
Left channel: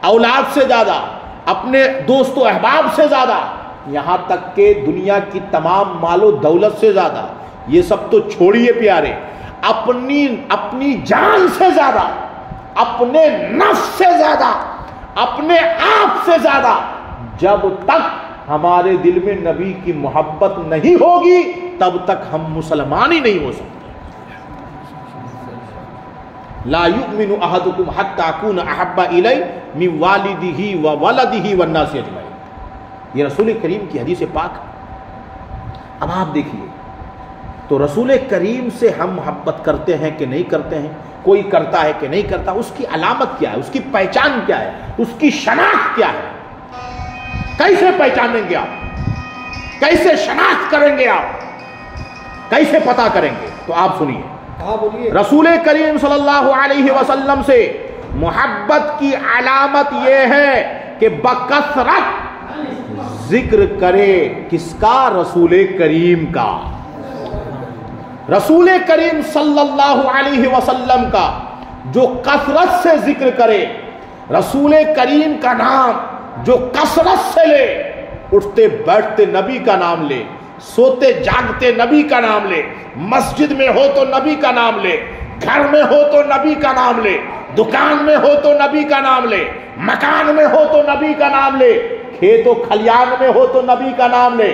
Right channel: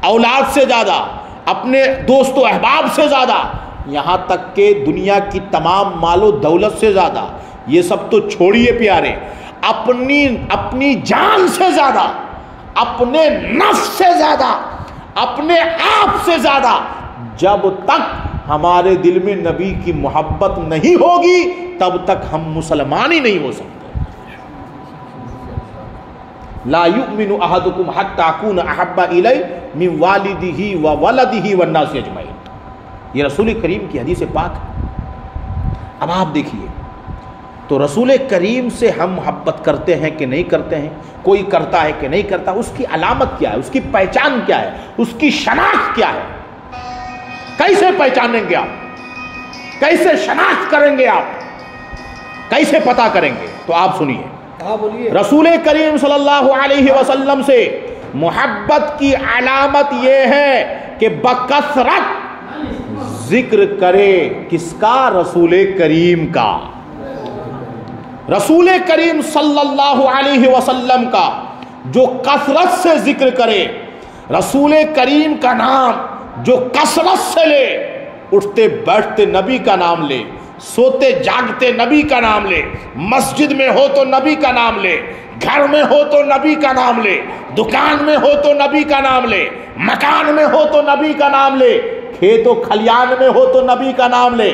اولاد سے زیادہ، اپنے دوست و احباب سے زیادہ، یہاں تک کہ دنیا کی تمام مال و دولت سے زیادہ. یہ سب تو چھوڑیے پیارے، اپنی جان سے زیادہ، اپنے نفس سے زیادہ، اپنے آپ سے زیادہ، جب تک ہمارے دل میں نبی کی محبت نہیں ہوگی تب تک ہم مسلمان ہی نہیں ہو سکتے. لا یؤمن احدکم حتی اکون احب الی من والدہ وولدہ والناس اجمعین. یہ رسول کریم کی حدیث پاک. اب آپ دیکھیے، تو رسول کریم سے ہم محبت کرتے ہیں کہ نہیں کرتے ہیں؟ کوئی کرتا ہے کہ نہیں کرتا؟ اس کی علامت کیا ہے؟ اس کی پہچان کیا ہے؟ اس کی شناخت کیا ہے؟ کیسے پہچانیں گے آپ؟ کیسے شناخت کریں گے آپ؟ کیسے پتہ کریں گے؟ تو آپ سنیے، رسول کریم صلی اللہ علیہ وسلم سے محبت کی علامت یہ ہے کہ بکثرت ذکر کرے. کس کا؟ رسول کریم کا. رسول کریم صلی اللہ علیہ وسلم کا جو کثرت سے ذکر کرے، رسول کریم کا نام جو کثرت سے لے، اٹھتے بیٹھتے نبی کا نام لے، سوتے جاگتے نبی کا نام لے، مسجد میں ہو تو نبی کا نام لے، گھر میں ہو تو نبی کا نام لے، دکان میں ہو تو نبی کا نام لے، مکان میں ہو تو نبی کا نام لے، کھیت و کھلیان میں ہو تو نبی کا نام لے،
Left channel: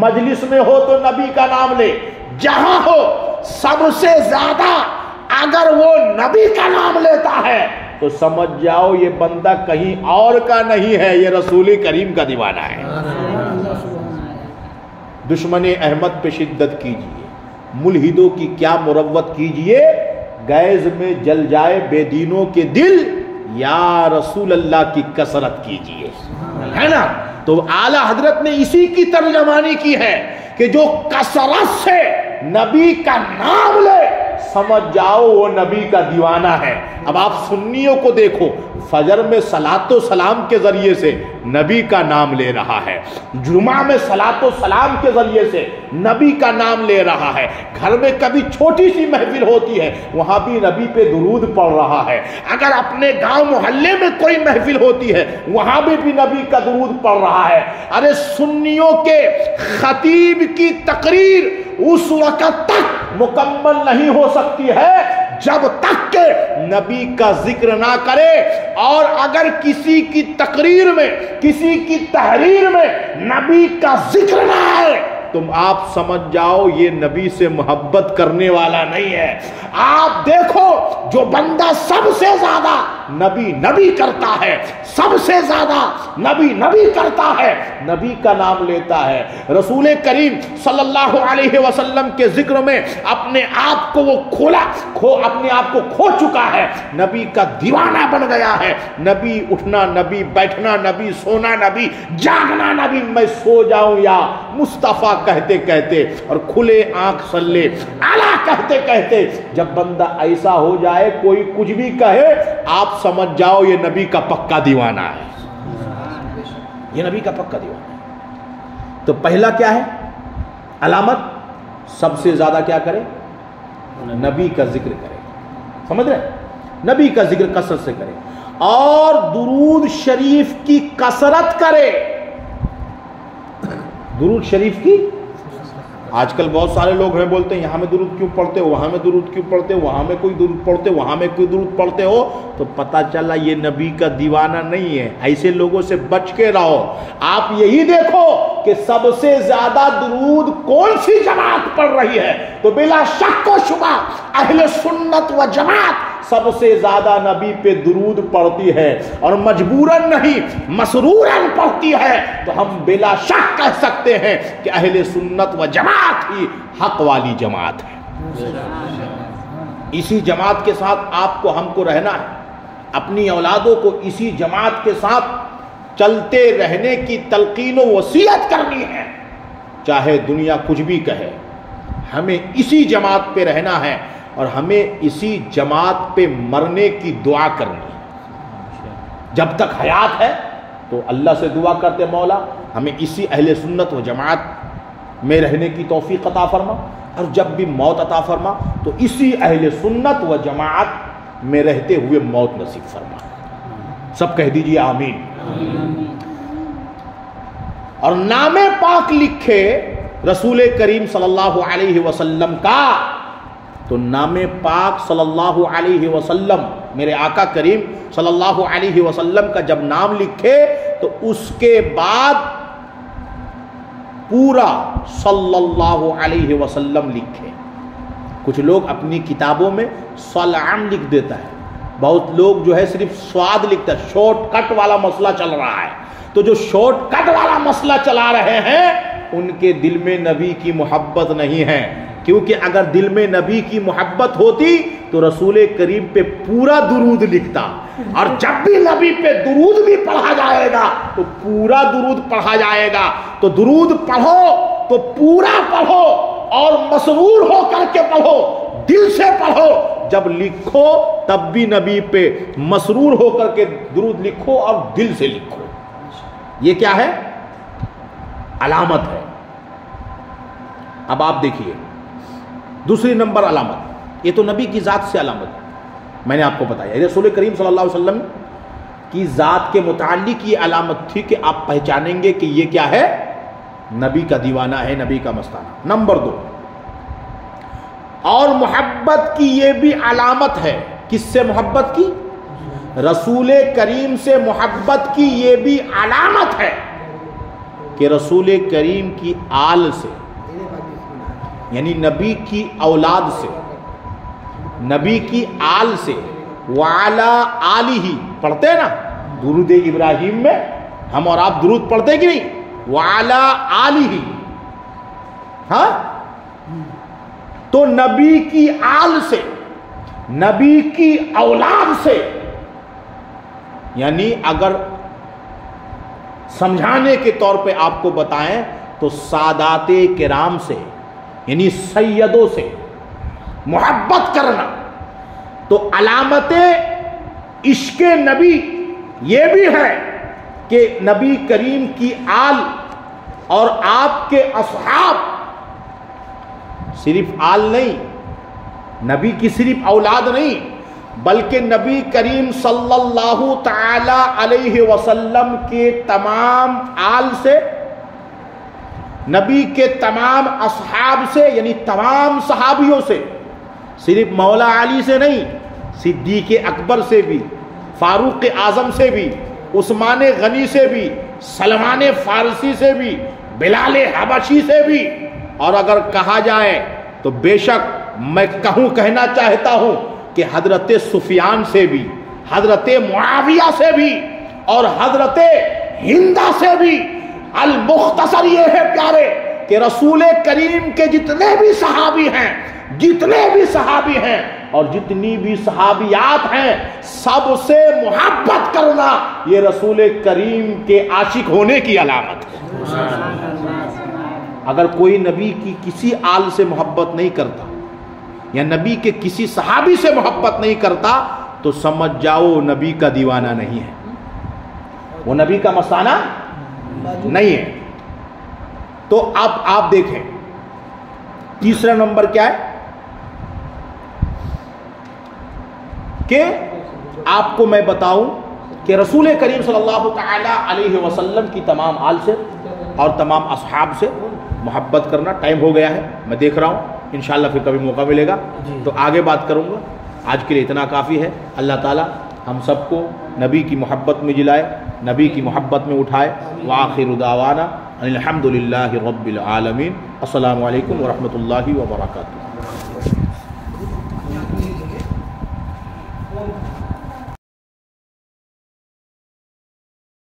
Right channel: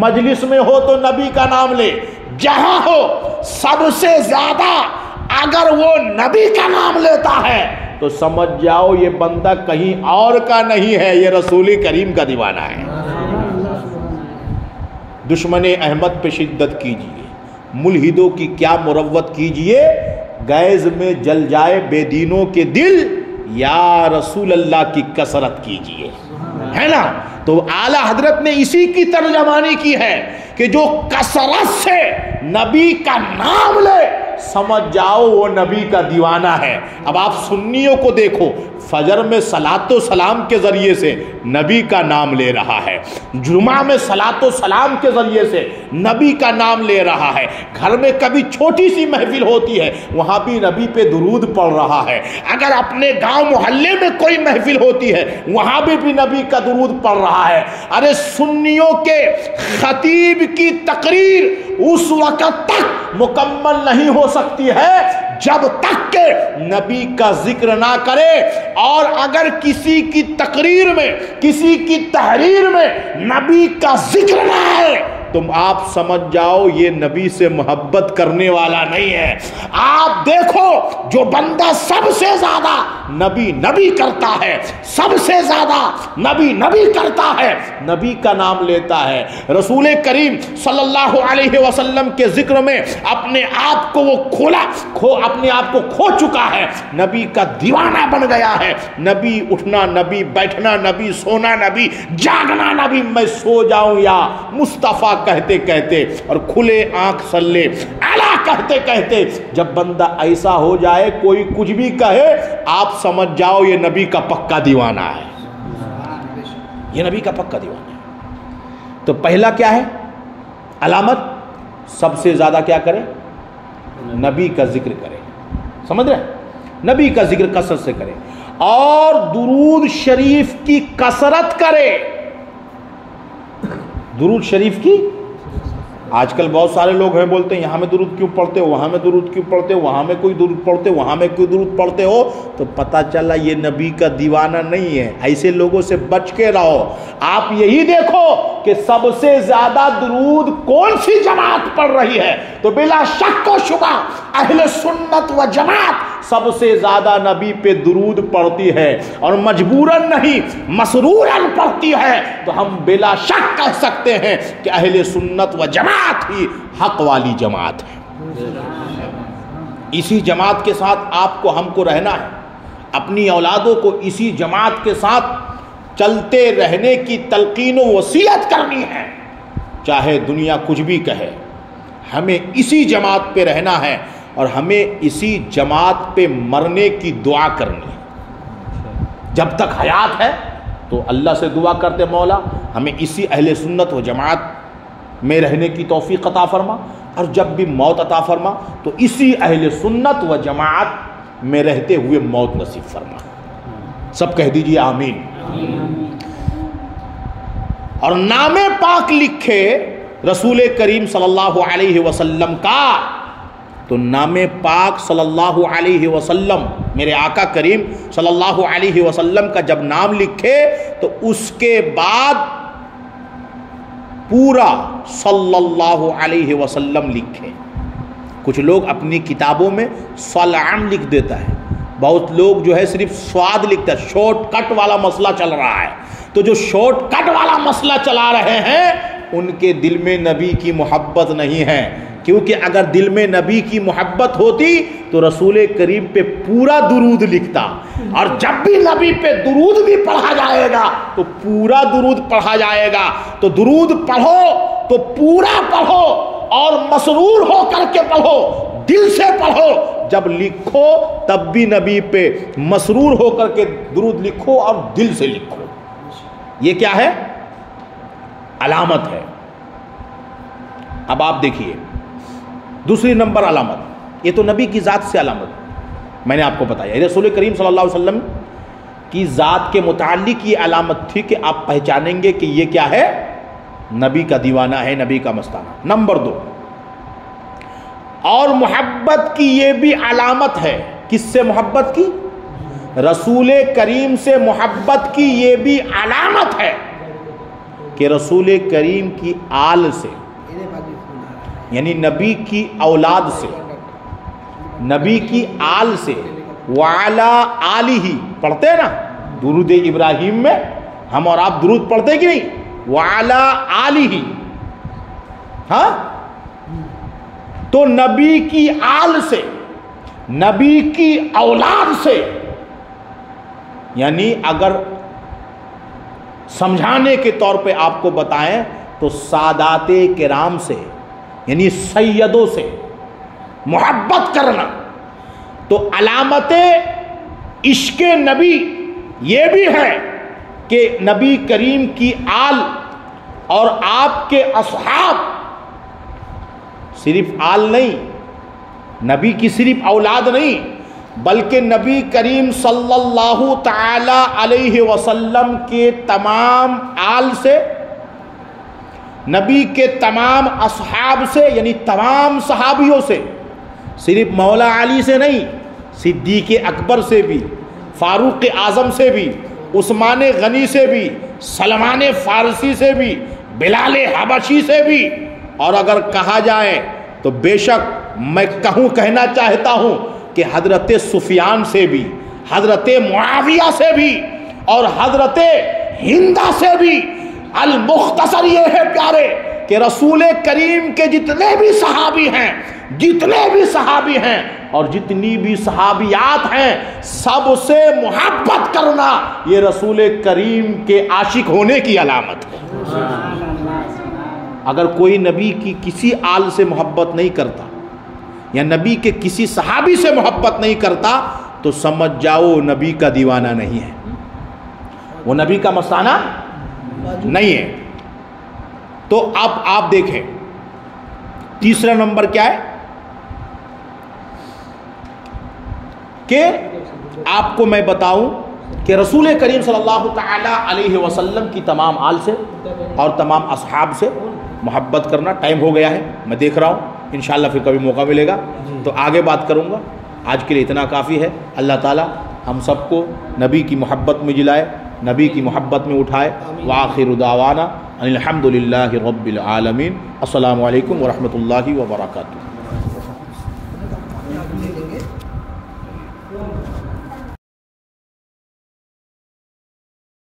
مجلس میں ہو تو نبی کا نام لے، جہاں ہو سب سے زیادہ اگر وہ نبی کا نام لیتا ہے تو سمجھ جاؤ یہ بندہ کہیں اور کا نہیں ہے، یہ رسول کریم کا دیوانہ ہے. دشمن احمد پہ شدت کیجئے، ملحدوں کی کیا مروت کیجئے، گیز میں جل جائے بے دینوں کے دل، یا رسول اللہ کی کثرت کیجئے، ہے نا؟ تو اعلیٰ حضرت نے اسی کی ترجمانی کی ہے کہ جو کثرت سے نبی کا نام لے سمجھ جاؤ وہ نبی کا دیوانہ ہے۔ اب آپ سنیوں کو دیکھو، فجر میں صلاۃ و سلام کے ذریعے سے نبی کا نام لے رہا ہے، جمعہ میں صلاۃ و سلام کے ذریعے سے نبی کا نام لے رہا ہے، گھر میں کبھی چھوٹی سی محفل ہوتی ہے وہاں بھی نبی پہ درود پڑھ رہا ہے، اگر اپنے گاؤں محلے میں کوئی محفل ہوتی ہے وہاں بھی نبی کا درود پڑھ رہا ہے۔ ارے سنیوں کے خطیب کی تقریر اس وقت تک مکمل نہیں ہو سکتی ہے جب تک کہ نبی کا ذکر نہ کرے، اور اگر کسی کی تقریر میں، کسی کی تحریر میں نبی کا ذکر نہ آئے تم آپ سمجھ جاؤ یہ نبی سے محبت کرنے والا نہیں ہے۔ آپ دیکھو جو بندہ سب سے زیادہ نبی نبی کرتا ہے، سب سے زیادہ نبی نبی کرتا ہے، نبی کا نام لیتا ہے، رسول کریم صلی اللہ علیہ وسلم کے ذکر میں اپنے آپ کو وہ اپنے آپ کو کھو چکا ہے، نبی کا دیوانہ بن گیا ہے۔ نبی اٹھنا، نبی بیٹھنا، نبی سونا، نبی جاگنا، نبی میں سو جاؤں یا مصطفیٰ کہتے کہتے اور کھلے آنکھ سلے اعلیٰ کہتے کہتے جب بندہ ایسا ہو جائے کوئی کچھ بھی کہے آپ سمجھ جاؤ یہ نبی کا پکا دیوانہ ہے، یہ نبی کا پکا دیوانہ ہے۔ تو پہلا کیا ہے علامت؟ سب سے زیادہ کیا کرے؟ نبی کا ذکر کرے، سمجھ رہے؟ نبی کا ذکر کثرت سے کرے اور درود شریف کی کثرت کرے۔ درود شریف کی، آج کل بہت سارے لوگ ہیں بولتے ہیں یہاں میں درود کیوں پڑھتے ہو، وہاں میں درود کیوں پڑھتے ہو، وہاں میں کوئی درود پڑھتے ہو، وہاں میں کوئی درود پڑھتے ہو، تو پتہ چلا یہ نبی کا دیوانہ نہیں ہے۔ ایسے لوگوں سے بچ کے رہو۔ آپ یہی دیکھو کہ سب سے زیادہ درود کون سی جماعت پڑھ رہی ہے، تو بلا شک و شبہ اہل سنت و جماعت سب سے زیادہ نبی پہ درود پڑھتی ہے، اور مجبوراً نہیں مسروراً پڑھتی ہے، تو ہم بلا شک کہہ سکتے ہیں کہ اہل سنت و جماعت ہی حق والی جماعت ہے۔ اسی جماعت کے ساتھ آپ کو ہم کو رہنا ہے، اپنی اولادوں کو اسی جماعت کے ساتھ چلتے رہنے کی تلقین و وصیت کرنی ہے، چاہے دنیا کچھ بھی کہے، ہمیں اسی جماعت پہ رہنا ہے اور ہمیں اسی جماعت پہ مرنے کی دعا کرنی ہے۔ جب تک حیات ہے تو اللہ سے دعا کرتے مولا ہمیں اسی اہل سنت و جماعت میں رہنے کی توفیق عطا فرما، اور جب بھی موت عطا فرما تو اسی اہل سنت و جماعت میں رہتے ہوئے موت نصیب فرما۔ سب کہہ دیجئے آمین۔ اور نام پاک لکھے رسول کریم صلی اللہ علیہ وسلم کا، تو نام پاک صلی اللہ علیہ وسلم میرے آقا کریم صلی اللہ علیہ وسلم کا جب نام لکھے تو اس کے بعد پورا صلی اللہ علیہ وسلم لکھے۔ کچھ لوگ اپنی کتابوں میں صلعن لکھ دیتا ہے، بہت لوگ جو ہے صرف سواد لکھتا ہے، شارٹ کٹ والا مسئلہ چل رہا ہے۔ تو جو شارٹ کٹ والا مسئلہ چلا رہے ہیں ان کے دل میں نبی کی محبت نہیں ہے، کیونکہ اگر دل میں نبی کی محبت ہوتی تو رسول کریم پہ پورا درود لکھتا، اور جب بھی نبی پہ درود بھی پڑھا جائے گا تو پورا درود پڑھا جائے گا۔ تو درود پڑھو تو پورا پڑھو اور مسرور ہو کر کے پڑھو، دل سے پڑھو، جب لکھو تب بھی نبی پہ مسرور ہو کر کے درود لکھو اور دل سے لکھو۔ یہ کیا ہے؟ علامت ہے۔ اب آپ دیکھیے دوسری نمبر علامت، یہ تو نبی کی ذات سے علامت میں نے آپ کو بتایا، رسول کریم صلی اللہ علیہ وسلم کی ذات کے متعلق یہ علامت تھی کہ آپ پہچانیں گے کہ یہ کیا ہے؟ نبی کا دیوانہ ہے، نبی کا مستانہ۔ نمبر 2، اور محبت کی یہ بھی علامت ہے۔ کس سے محبت کی؟ رسول کریم سے محبت کی یہ بھی علامت ہے کہ رسول کریم کی آل سے، یعنی نبی کی اولاد سے، نبی کی آل سے، وعلا آلہ پڑھتے ہیں نا درود ابراہیم میں، ہم اور آپ درود پڑھتے کہ نہیں؟ وعلا آلہ، ہاں، تو نبی کی آل سے، نبی کی اولاد سے یعنی اگر سمجھانے کے طور پہ آپ کو بتائیں تو سادات کرام سے یعنی سیدوں سے محبت کرنا تو علامت عشق نبی یہ بھی ہے کہ نبی کریم کی آل اور آپ کے اصحاب، صرف آل نہیں، نبی کی صرف اولاد نہیں، بلکہ نبی کریم صلی اللہ تعالی علیہ وسلم کے تمام آل سے، نبی کے تمام اصحاب سے یعنی تمام صحابیوں سے، صرف مولا علی سے نہیں، صدیق اکبر سے بھی، فاروق اعظم سے بھی، عثمان غنی سے بھی، سلمان فارسی سے بھی، بلال حبشی سے بھی، اور اگر کہا جائے تو بے شک میں کہنا چاہتا ہوں کہ حضرت سفیان سے بھی، حضرت معاویہ سے بھی، اور حضرت ہندہ سے بھی۔ المختصر یہ ہے پیارے کہ رسول کریم کے جتنے بھی صحابی ہیں اور جتنی بھی صحابیات ہیں، سب سے محبت کرنا یہ رسول کریم کے عاشق ہونے کی علامت ہے۔ اگر کوئی نبی کی کسی آل سے محبت نہیں کرتا یا نبی کے کسی صحابی سے محبت نہیں کرتا تو سمجھ جاؤ نبی کا دیوانہ نہیں ہے، وہ نبی کا مستانہ نہیں ہے۔ تو اب آپ دیکھیں تیسرا نمبر کیا ہے کہ آپ کو میں بتاؤں کہ رسول کریم صلی اللہ تعالی علیہ وسلم کی تمام آل سے اور تمام اصحاب سے محبت کرنا۔ ٹائم ہو گیا ہے، میں دیکھ رہا ہوں، انشاءاللہ پھر کبھی موقع ملے گا تو آگے بات کروں گا۔ آج کے لیے اتنا کافی ہے۔ اللہ تعالی ہم سب کو نبی کی محبت میں جلائے، نبی کی محبت میں اٹھائے۔ وآخر دعوانا الحمدللہ رب العالمین۔ السلام علیکم ورحمۃ اللہ وبرکاتہ۔